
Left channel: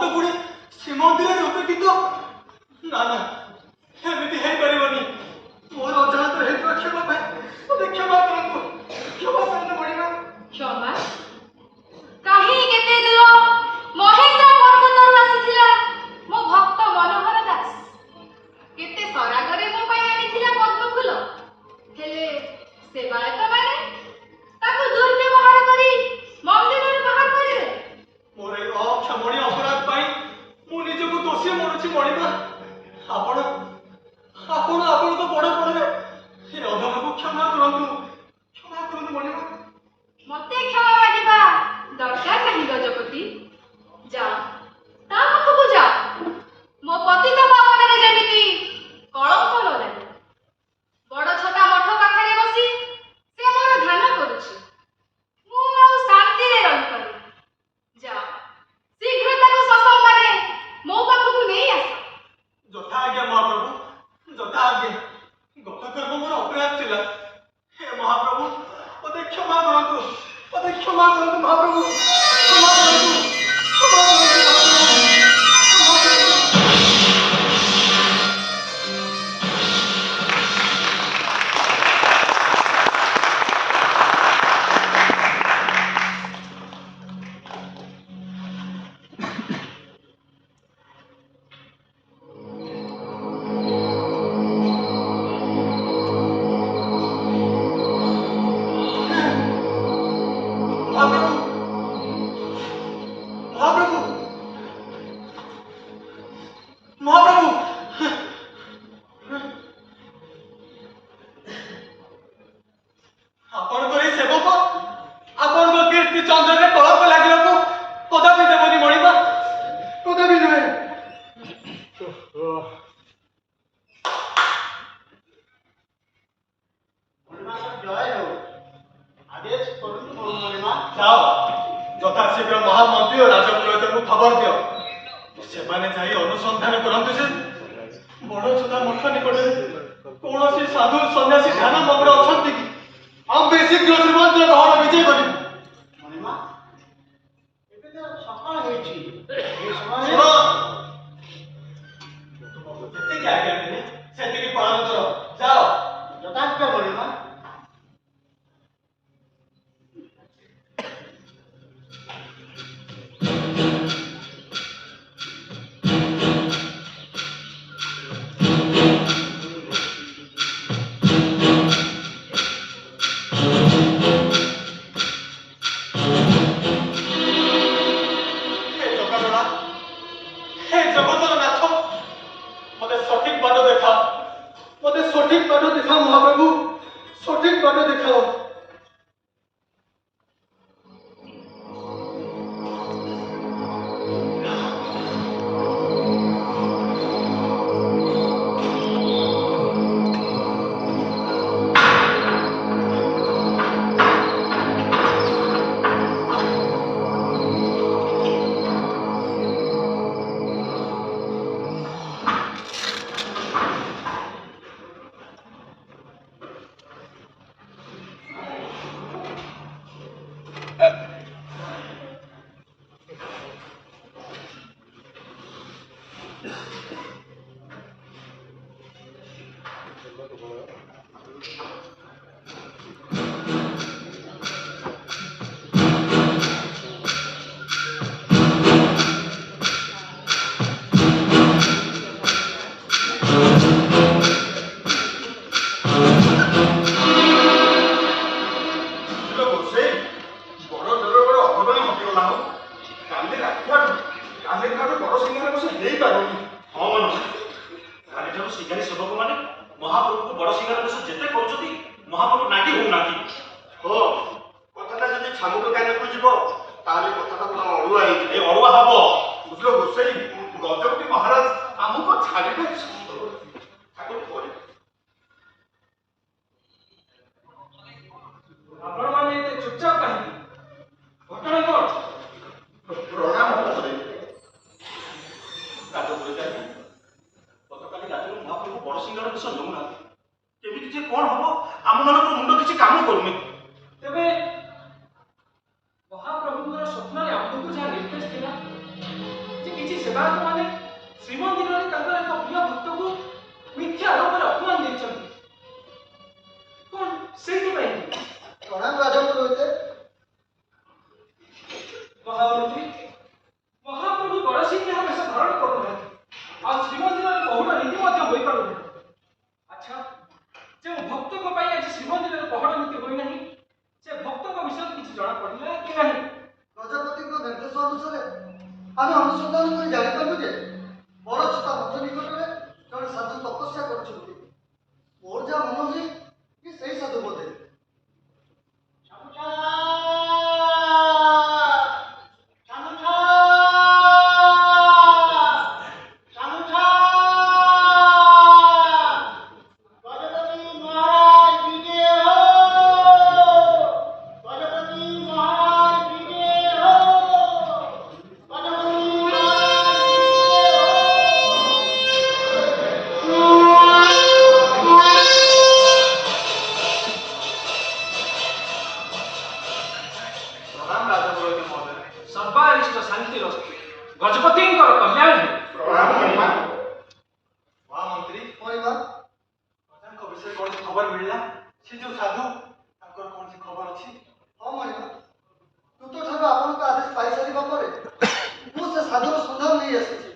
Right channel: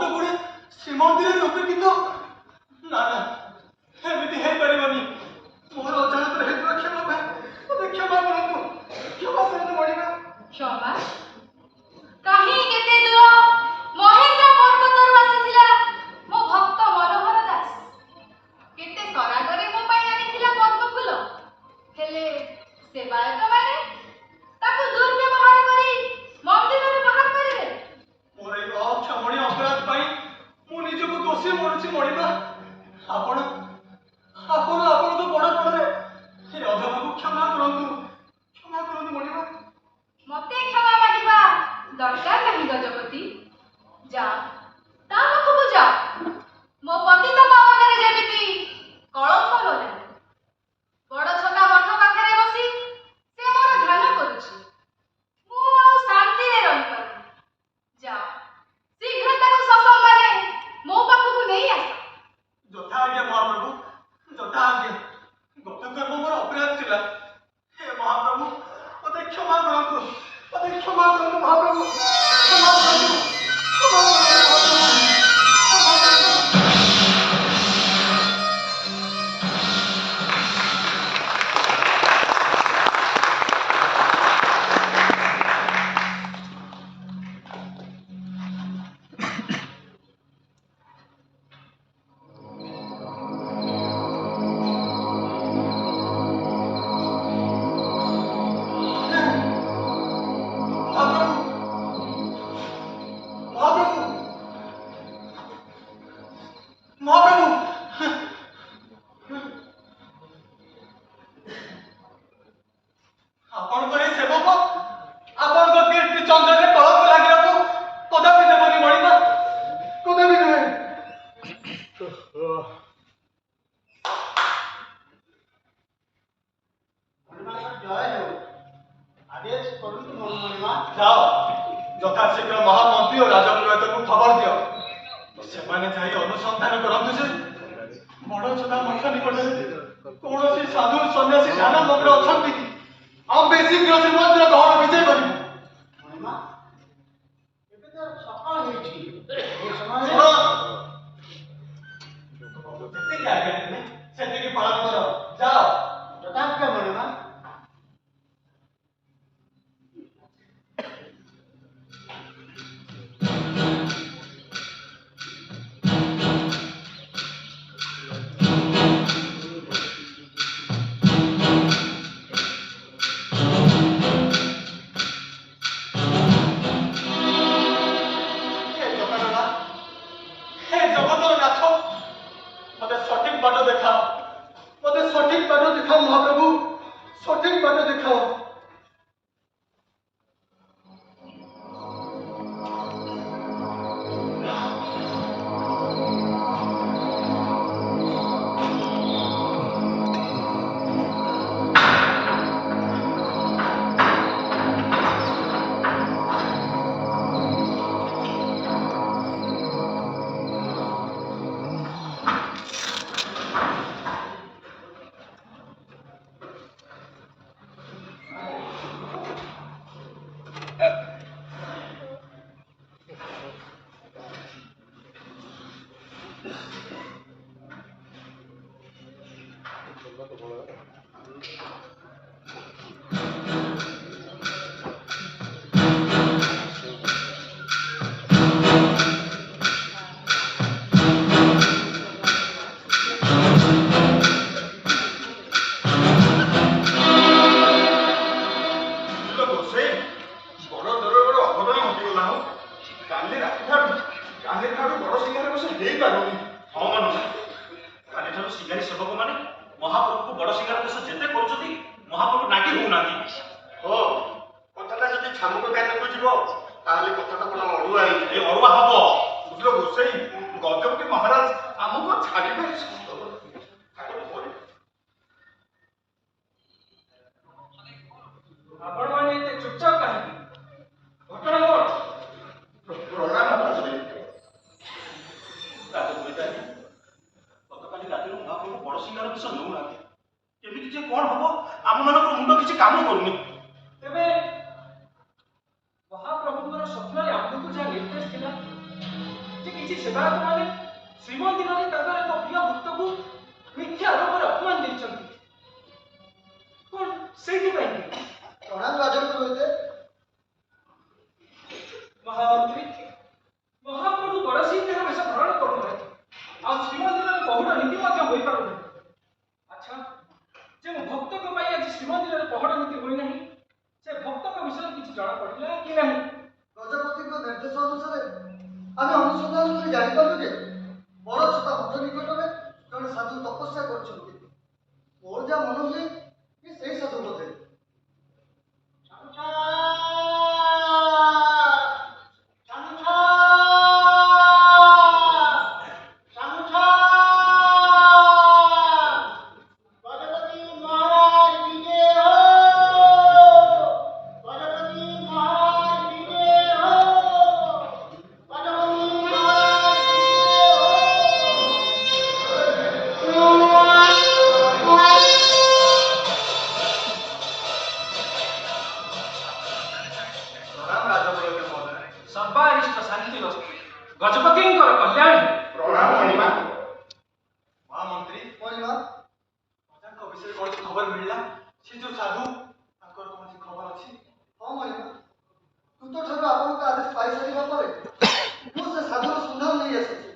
ଭକ୍ତ ପୁଣି ଶ୍ରୀମନ୍ଦିର ରୂପେ କିନ୍ତୁ ନା ନା ଏମିତି ହେଇପାରିବନି। ମୋର ଅଜାଣତରେ ହେଇଥିବା କ୍ଷମା ପାଇଁ ମୋତେ କ୍ଷମା କରନ୍ତୁ ମଣିମା। କ୍ଷମା? କାହିଁ କେତେ ଦୂର ମହେନ୍ଦ୍ର ପର୍ବତରୁ ଆସିଥିଲା ମୋ ଭକ୍ତ ମନୋହର ଦାସ। କେତେ ସରାଗରେ ମୋ ପାଇଁ ଆଣିଥିଲା ପଦ୍ମଫୁଲ। ହେଲେ ସେବାୟତମାନେ ତାକୁ ଦୁର୍ବ୍ୟବହାର କରି ମନ୍ଦିରରୁ ବାହାର କରିଦେଲେ। ମୋର ଏ ଅକ୍ଷମଣୀୟ ଅପରାଧ ପାଇଁ ମୁଁ ନିଜକୁ ଦୋଷୀ ମଣୁଛି ମଣିମା। ଆପଣ ଆପଣଙ୍କ ବଡ଼ ପଣରେ ଏ ଅଧମକୁ କ୍ଷମା କରନ୍ତୁ ମଣିମା। ମତେ କ୍ଷମା ମାଗିବା ଦରକାର ନାହିଁ ଗଜପତି। ଯା ତା ପାଖକୁ ଯା, ମୋ ପତିତ ପାବନରେ ଯେମିତି କଳଙ୍କ ନ ଲାଗେ। ଗଡ଼ଛତା ମଠ ପାଖରେ ବସି ସେ ମୋର ଧ୍ୟାନ କରୁଛି। ମୁଁ ଆଉ ଶାନ୍ତିରେ ରହିପାରୁନି। ଯା ଶୀଘ୍ର ତାକୁ ସସମ୍ମାନେ ମୋ ପାଖକୁ ନେଇ ଆସ। ଯଥା ଆଜ୍ଞା ମହାପ୍ରଭୁ, ଯଥା ଆଜ୍ଞା। ଗତ କର୍ମ ମୋର ଅପରାଧ ଥିଲା। ହେ ମହାପ୍ରଭୁ ମୋତେ କ୍ଷମା କରନ୍ତୁ ମହାପ୍ରଭୁ। କ୍ଷମା କରନ୍ତୁ ମହାପ୍ରଭୁ। ଆପଣଙ୍କର ଏଇ ସେବକ ଆପଣଙ୍କ କୀର୍ତ୍ତି ଚନ୍ଦ୍ରରେ କଳଙ୍କ ଲାଗିବାକୁ କଦାପି ଦେବନି ମଣିମା, କଦାପି ନୁହେଁ। ଯାଅ ଯଥାଶୀଘ୍ର ମହାମନ୍ତ୍ରୀ ଓ ରାଜପୁରୋହିତଙ୍କୁ ଖବର ଦିଅ। ସେମାନେ ଯାଇ ଅନୁସନ୍ଧାନ କରନ୍ତୁ ଯେ ବଡ଼ଚଣା ମଠ ନିକଟରେ କୌଣସି ସାଧୁ ସନ୍ନ୍ୟାସୀ ଧ୍ୟାନ ମଗ୍ନ ଅଛନ୍ତି କି? ଆମେ ଶୀଘ୍ର ଶ୍ରୀମନ୍ଦିର ଦହନ ବିଜୟ କରିବୁ। ଶୁଣ, ଯେତିକି ଆଜ୍ଞା ଦେବେ ସେତିକି ପାଳନ କର। ଯାଅ। हे जगतर नाथ, मते सठिक बाट देखाओ महाप्रभु, सठिक बाट देखाओ। କିଛି ସେବାୟତ ମାନେ ଶ୍ରୀମନ୍ଦିରରେ ତାଙ୍କର ଏକ ପ୍ରିୟ ଭକ୍ତକୁ ମିଥ୍ୟା ଆରୋପରେ ଅପମାନ ଦେଇଛନ୍ତି। କଣ ସେଇଥିପାଇଁ ପ୍ରଣାମ ରାଜପୁରୋହିତ। ମହାମନ୍ତ୍ରୀ ମହାପ୍ରଭୁ ବଡ଼ସିଂହାର ବେଶ ଧାରଣ କରୁନାହାନ୍ତି ଆଉ ଶ୍ରୀମନ୍ଦିରରେ ପହୁଡ଼ ନୀତି ମଧ୍ୟ ହୋଇପାରୁନାହିଁ। ଆଚ୍ଛା, ଯେଉଁ ଭକ୍ତଙ୍କ ପାଇଁ ଆଜି ଶ୍ରୀମନ୍ଦିରରେ ପହଡ଼ ନୀତି ହୋଇନାହିଁ ସେ ଭକ୍ତଙ୍କ ବିଷୟରେ କିଛି ଜଣାପଡ଼ିଲା କି ନାହିଁ? ଗଜପତିଙ୍କ ନିର୍ଦ୍ଦେଶ ଅନୁସାରେ ଆମେ ଅନୁସନ୍ଧାନ କରି ଜାଣିପାରିଲୁ ଯେ ବଡ଼ ଛତା ମଠ ନିକଟରେ ଜଣେ ସାଧୁ ତପସ୍ୟା କରୁଛନ୍ତି। ମୋର ଯାହା ମନ ହୁଏ କି ସେଇ ସାଧୁ ବୋଧେ। ପ୍ରଣାମ ରାଜପୁରୋହିତ ମହୋଦୟ। ସର୍ବାରିଷ୍ଟ ଶାନ୍ତିର ଗଜପତିଙ୍କର କଲ୍ୟାଣ ହେଉ। ପ୍ରଣାମ ମଣିମା। ମହାମନ୍ତ୍ରୀ ମଣିମା, ରାଜାଙ୍କ ବିଷୟରେ କୌଣସି ଖବର ମିଳିଲା? ସେ ଯୋଉ ସାଧୁ ତାଙ୍କର କୌଣସି ଖବର ଅଛି? ହଁ ମଣିମା, ଦୂତଠାରୁ ଆପଣଙ୍କ ଆଦେଶ ପାଇସାରିବା ପରେ ମୁଁ ସେ ସାଧୁର ସନ୍ଧାନ ନେଇ ଆସିଛି।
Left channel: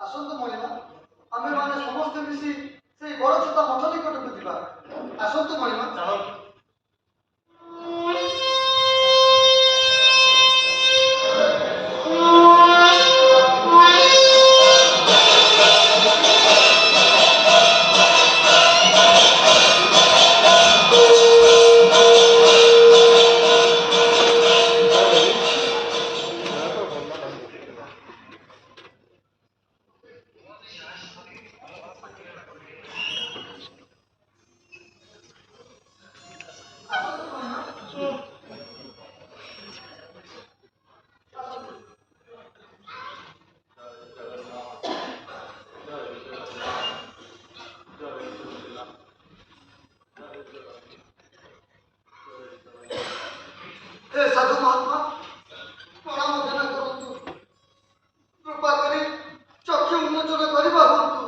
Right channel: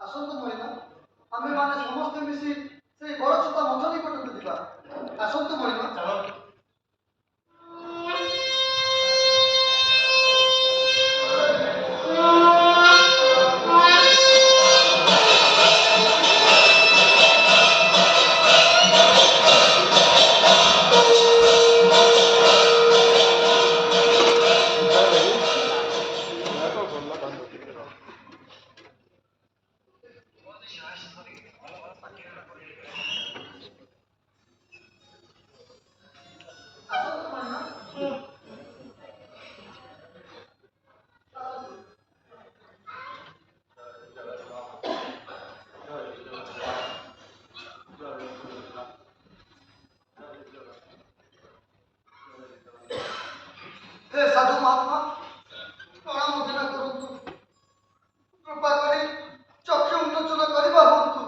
ଆସନ୍ତୁ ମଣିମା, ଆମେମାନେ ସମସ୍ତେ ମିଶି ସେଇ ବଡ଼ ଛତା ମଠ ନିକଟକୁ ଯିବା। ଆସନ୍ତୁ ମଣିମା। ଚାଲନ୍ତୁ। ଆସନ୍ତୁ ମଣିମା। हे ସାଧୁ ମହାତ୍ମା, ପ୍ରଣାମ ଧ୍ୟାନ କରନ୍ତୁ। କୃପା କରି ଚକ୍ଷୁ ଉନ୍ମୋଚନ କରିବା ହୁଅନ୍ତୁ।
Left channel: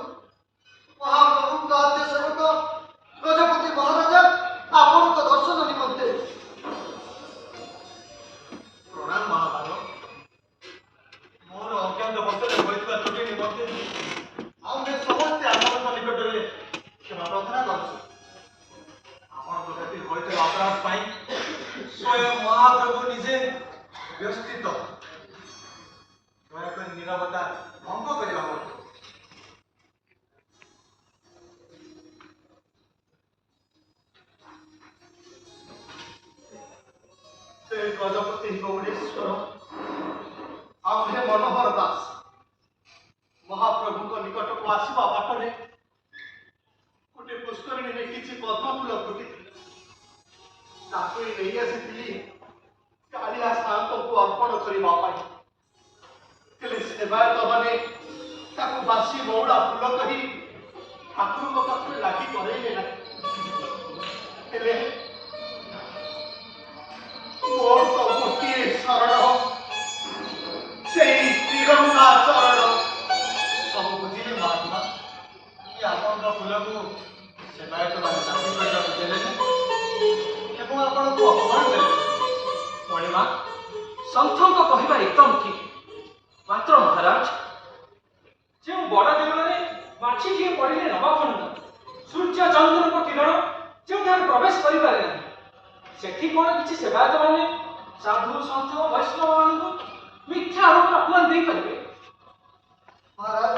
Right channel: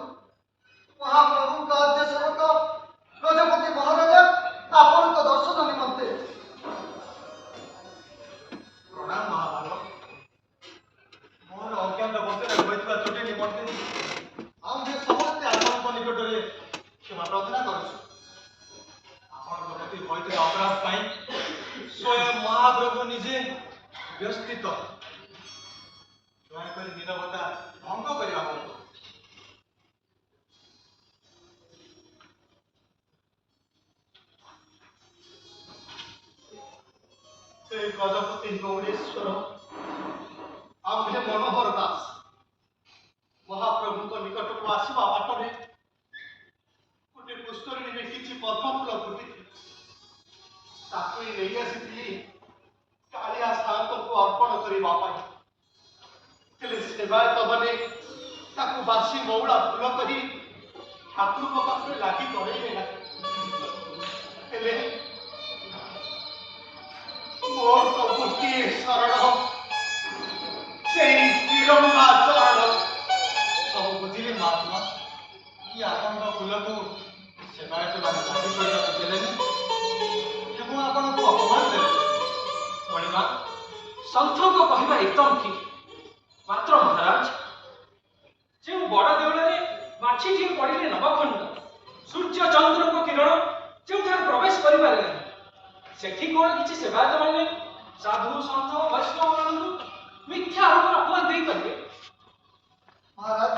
ମହାପ୍ରଭୁଙ୍କ ଆଦ୍ୟ ସେବକ ଗଜପତି ମହାରାଜା ଆପଣଙ୍କ ଦର୍ଶନ ନିମନ୍ତେ। ପ୍ରଣାମ ମହାଭାଗ। ମୋର ଅଜ୍ଞାତ ବଶରେ ହୋଇଥିବା ତ୍ରୁଟି ନିମନ୍ତେ ଆମେ ସମସ୍ତେ ଆପଣଙ୍କ ନିକଟରେ କ୍ଷମା ପ୍ରାର୍ଥନା କରୁଛୁ। ଆପଣଙ୍କ ପ୍ରତି ହୋଇଥିବା ଅପରାଧ ପାଇଁ ସ୍ୱୟଂ ମହାପ୍ରଭୁ ନିଜେ ବ୍ୟସ୍ତିତ। ଦୟାକରି ନିରବତା ଭଙ୍ଗ କରିବା ହୁଅନ୍ତୁ। ସେ ଗଜପତି ଗୌରୀଶ୍ୱର ଆଉ ହେ ମନୋହର ଦାସ ମହାପ୍ରଭୁଙ୍କ ନିକଟକୁ ଆସିବା ବାଟରେ ଗୋଟିଏ ପୁଷ୍କରିଣୀରେ କିଛି ପଦ୍ମଫୁଲ ଫୁଟିଥିଲା। ତାକୁ ହିଁ ନେଇ ଆସିଥିଲି କାଳିଆ ସାନ୍ତଙ୍କୁ ଅର୍ପଣ କରିବା ପାଇଁ। ହେଲେ ସେବାୟତ ମାନେ ତାକୁ ବାସି ମଉଳା ଫୁଲ କରି ଠାକୁରଙ୍କ ପାଖରେ ଲାଗି କରେଇଲେ ନାହିଁ। ହେଲେ ମୋର ତ ଗୋଟିଏ ଶରଣ, ସେଇ ଶ୍ରୀରଙ୍ଗା ଚରଣ। ସବୁ ବୁଝିଲି ମହାତ୍ମା। କି ଆପଣଙ୍କ ଫୁଲକୁ ସେବାୟତ ମାନେ ଲାଗି କରିବାକୁ ଦେଲେନି ଏବଂ ଆପଣଙ୍କୁ ଅପମାନ ଦେଲେ। ମଣିମା, ସନ୍ଥଙ୍କ କହିବା ଏକଦମ ଠିକ। ମାତ୍ର ମହାରାଜ, ଯେଉଁ ବଡ଼ ଦେଉଳରେ ମାଛିଟିଏ ପଡ଼ିଲେ ନବଖଣ୍ଡ ସୂର୍ଯ୍ୟ ଚନ୍ଦ୍ରଙ୍କ କିରଣ ଯେଉଁଠାରେ ପ୍ରବେଶ କରିପାରେ ନାହିଁ, ସେଠି କଣ କିଛି ସେବାୟତ ମାନେ ସାଧୁ ସନ୍ଥ ବୈଷ୍ଣବ ମାନଙ୍କୁ ମିଥ୍ୟା ଆରୋପରେ ଅପମାନ ଦେଇପାରିବେ? ମହାରାଜ,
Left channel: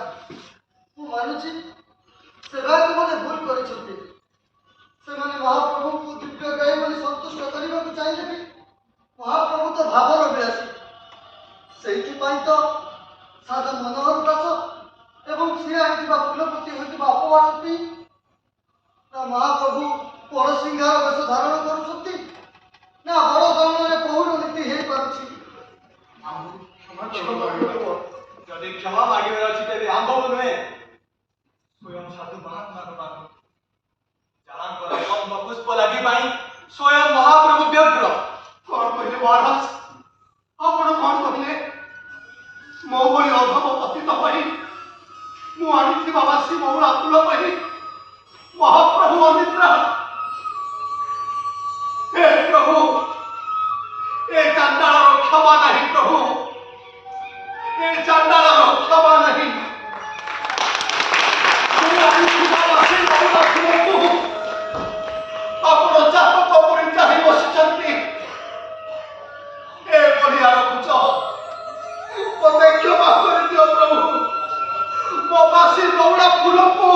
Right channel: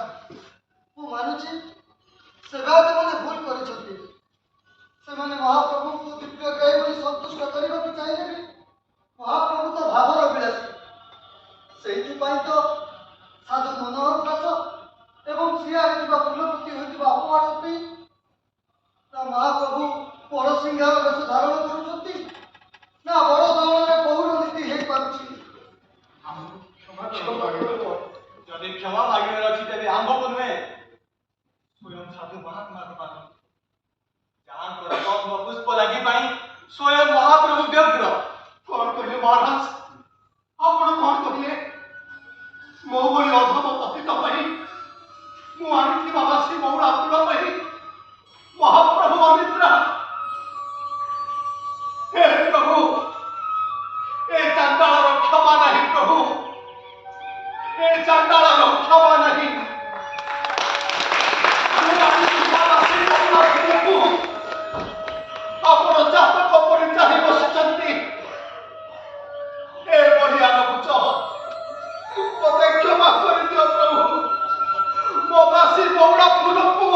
ମୁଁ ମାନୁଛି ସେବାୟତ ମାନେ ଭୁଲ କରିଛନ୍ତି। ସେମାନେ ମହାପ୍ରଭୁଙ୍କୁ ଦିବ୍ୟ ଗାଈ ବୋଲି ସନ୍ତୁଷ୍ଟ କରିବାକୁ ଚାହିଁଲେ ବି ମହାପ୍ରଭୁ ତ ଭାବର ବିଳାସୀ। ସେଇଥିପାଇଁ ତ ସାଧୁ ମନୋହର ଦାସ ଏବଂ ସିଏ ଆଣିଥିବା ଫୁଲ ପ୍ରତି ହୋଇଥିବା ଅପମାନ ପାଇଁ ମହାପ୍ରଭୁ ବଡ଼ ସିଂହାର ବେଶ ଧାରଣ କରୁଛନ୍ତି, ନା ବଡ଼ ଦଣ୍ଡରେ ପହୁଡ଼ ନୀତି ହେଇପାରୁଛି। ଆମକୁ କ୍ଷମା କରିବ। ଯଦି କ୍ଷମା ମାଗିବାର ଅଛି ତେବେ ଆମ୍ଭକୁ ନୁହେଁ, ସ୍ୱୟଂ ସାଧୁ ମହାତ୍ମାଙ୍କ ପାଖକୁ। ଯାହାଙ୍କର ଗନ୍ଧ ପୁଷ୍ପ ଲାଗି ପାଇଁ ସ୍ୱୟଂ ମହାପ୍ରଭୁ ବ୍ୟଗ୍ର। କଣ କହିଲେ ମହାରାଜ? ଆପଣ କଣ କହିଲେ? ମୋ ଭଳି ଅଧମ ପତି ପାଇଁ ମୁଁ ଆଣିଛି ବାବା ଶ୍ରୀ ମଉଳା ଫୁଲ ପାଇଁ ମହାପ୍ରଭୁ ଅନିଦ୍ରା। ହେ ପ୍ରଭୁ, ଏ ଚାଣ୍ଡାଳର କ୍ଷମା ନାହିଁ ପ୍ରଭୁ, ଏ ଚାଣ୍ଡାଳର କ୍ଷମା ନାହିଁ। ମୁଁ ଆଣିଛି ବାବା ଶ୍ରୀ ମଉଳା ଫୁଲକୁ ଆପଣ ଜାତକ ପରି ଚାହିଁ ବସିଛନ୍ତି। ଏ ବଢିଆ ରଖୁଛ, ମତେ କ୍ଷମା କରିଦିଅ ପ୍ରଭୁ, ମୋ ବାସି ମଉଳା ଫୁଲକୁ।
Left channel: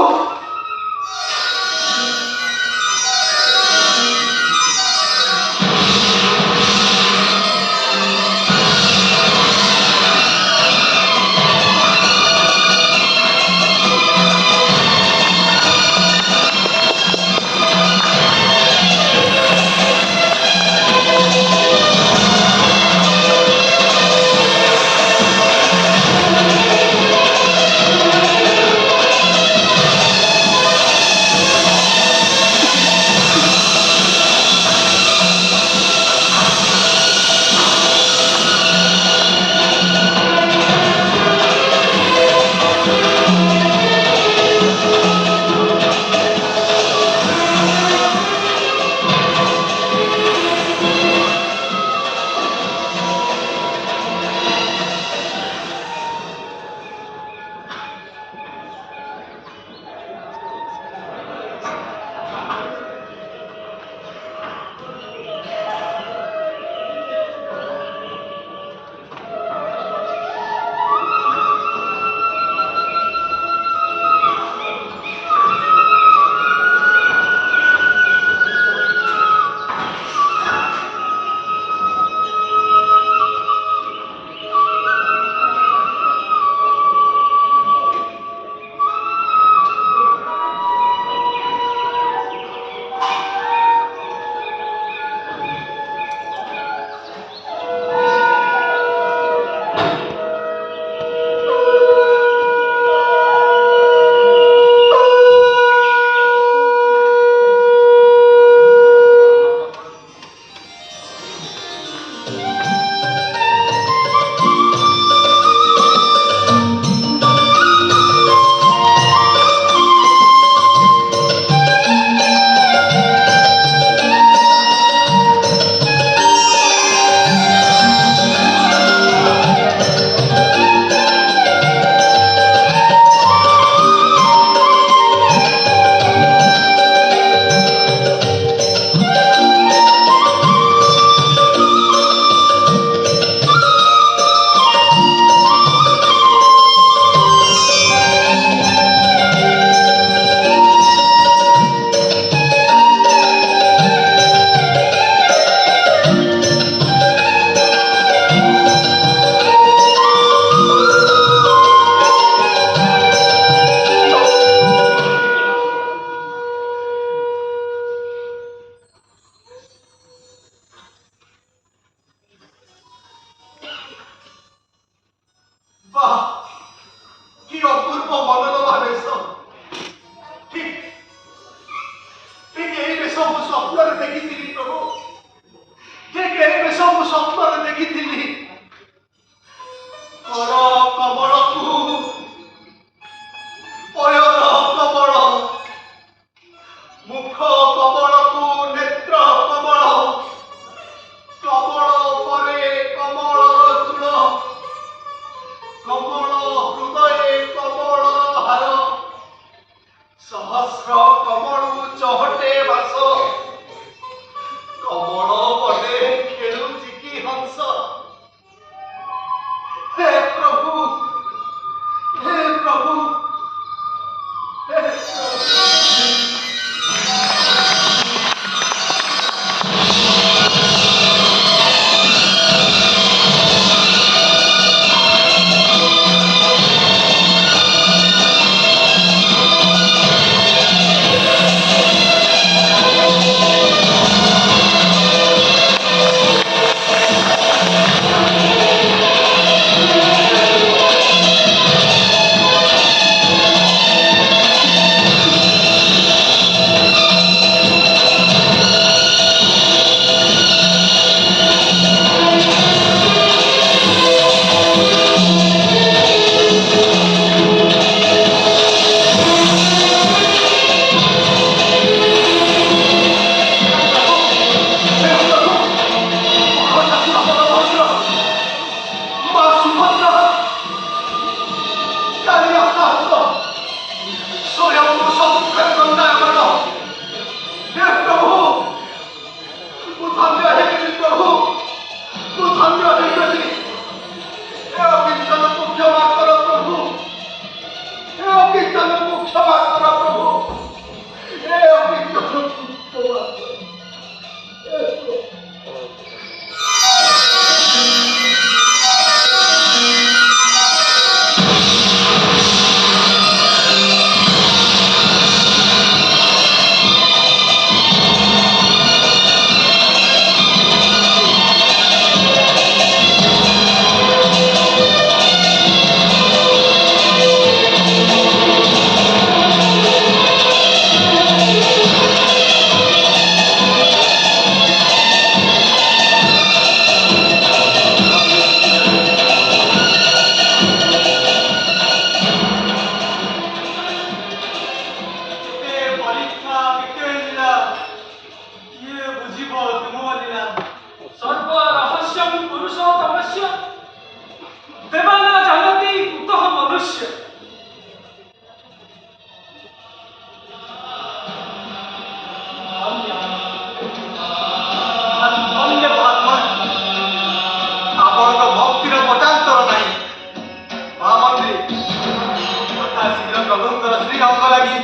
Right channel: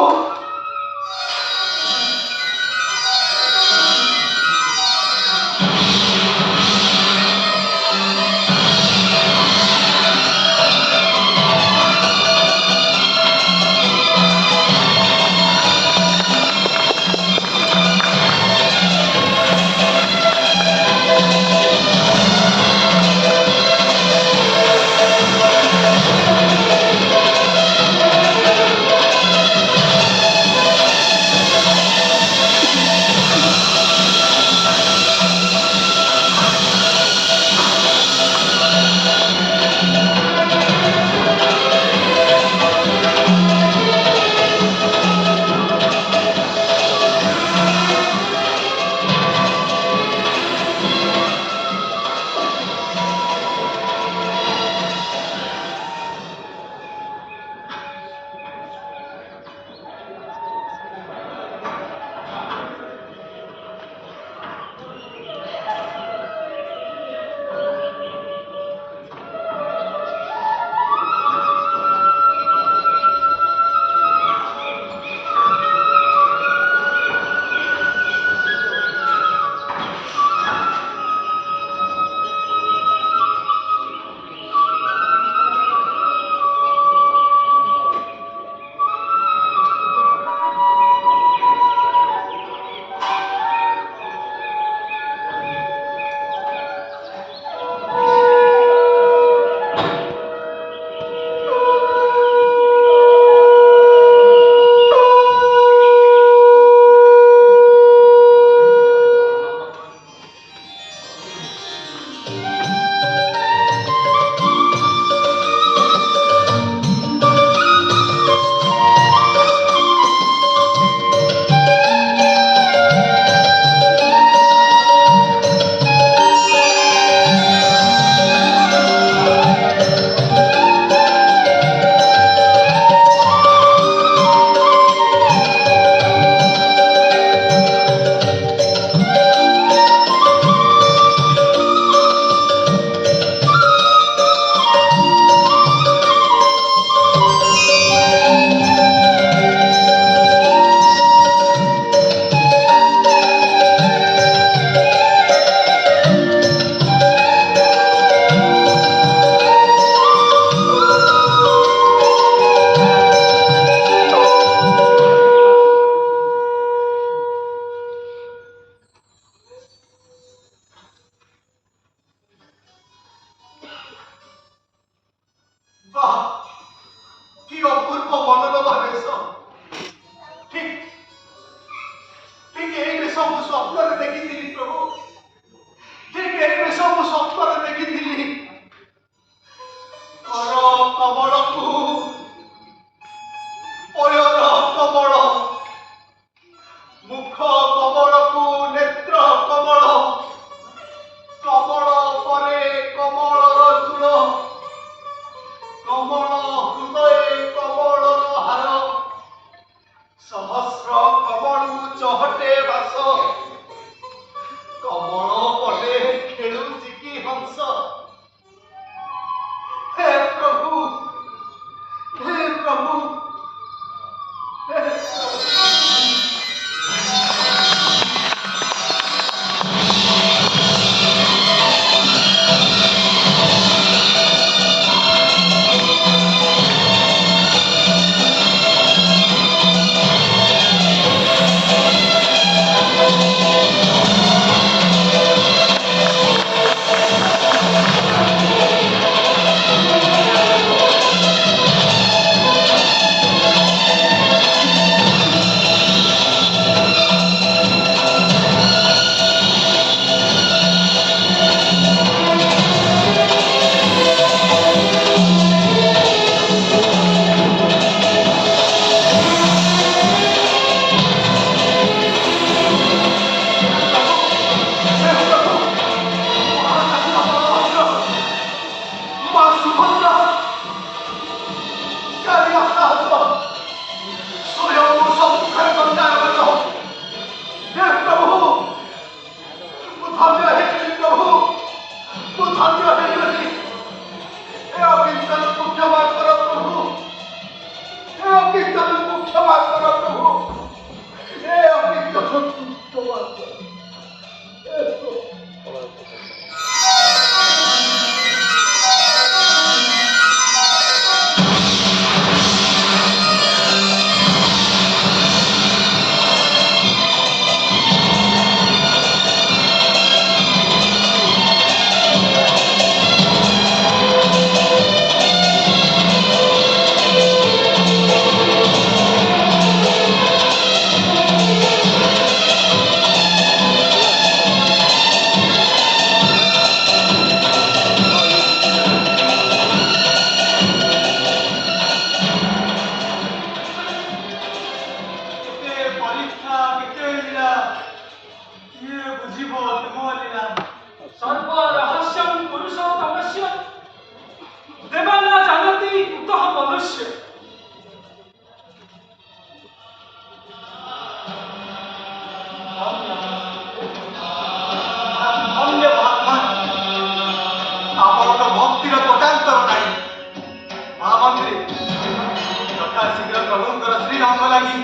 ଯଥା ଶୀଘ୍ର ପ୍ରଭୁଙ୍କର ଶ୍ରୀରଙ୍ଗ ଲାଗି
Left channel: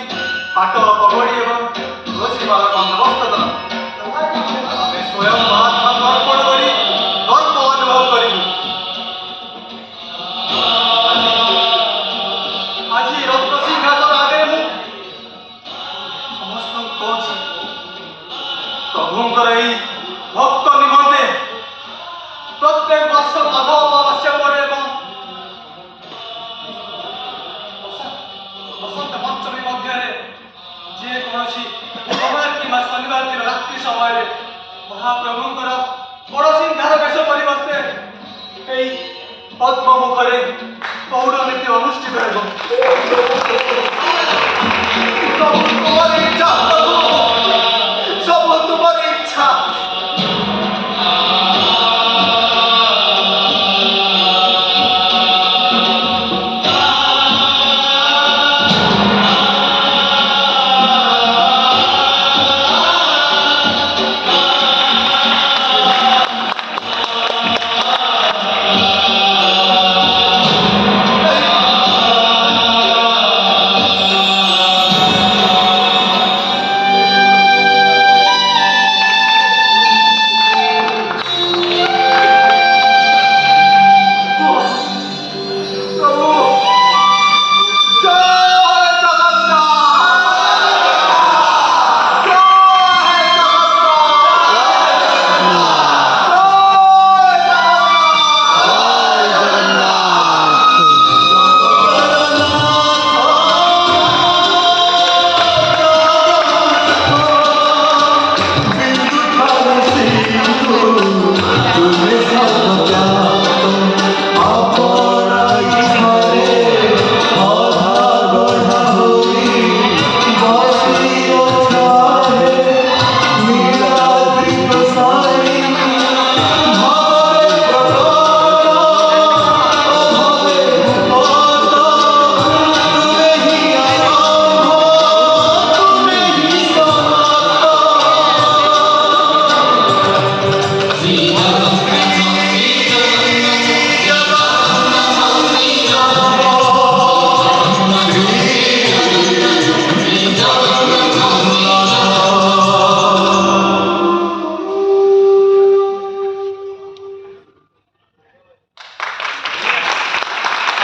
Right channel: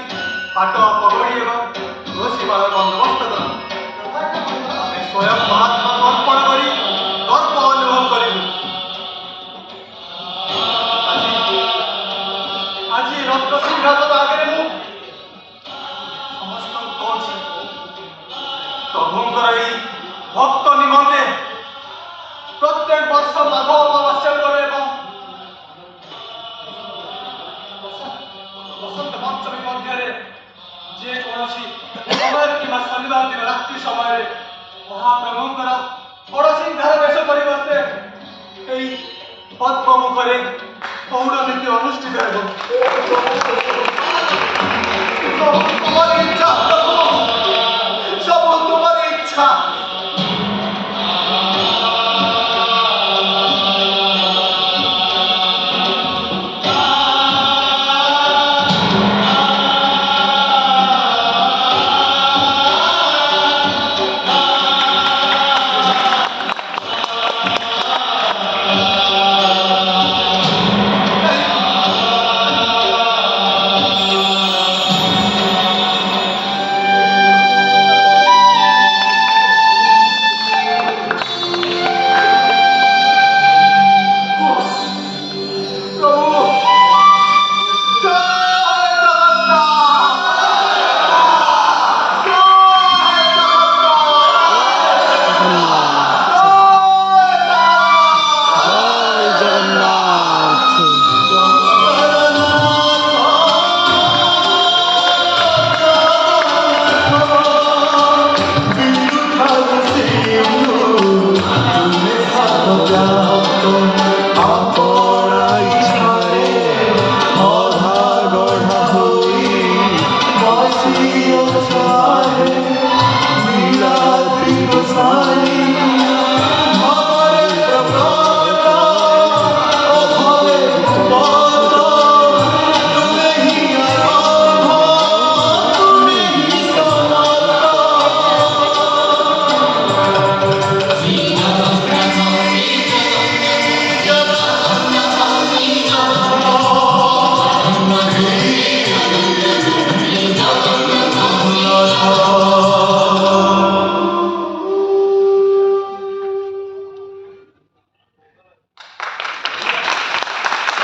ପାଟ ପଗଡ଼ି ଏବଂ ତୁଳସୀମାଳ ବନ୍ଦୋବସ୍ତ କର। ଆମେ ସ୍ୱୟଂ ମହାତ୍ମା ଅର୍ପଣ କରି ଗର୍ବ ଅନୁଭବ କରିବୁ। ଆଜି ରକ୍ତ ସିଂହାସନ ଆଗରେ ମୁଁ ସମସ୍ତଙ୍କୁ କହୁଛି, ପ୍ରଭୁଙ୍କର ଏହି ଭକ୍ତ ନିମନ୍ତେ ପ୍ରତ୍ୟେକ ବର୍ଷ ମାଘ ଅମାବାସ୍ୟା ପରେ ଏବଂ ବସନ୍ତ ପଞ୍ଚମୀ ମଧ୍ୟରେ ଯେକୌଣସି ବୁଧବାର କିମ୍ବା ଶନିବାର ଦିନ ରାତ୍ରି ସମୟରେ ମହାପ୍ରଭୁଙ୍କର ବଡ଼ସିଂହାର ବେଶ ପରିବର୍ତ୍ତେ ଏହି ପଦ୍ମ ମୁଖରେ ପୌଡ଼ ନୀତି ଅନୁଷ୍ଠିତ ହେବ।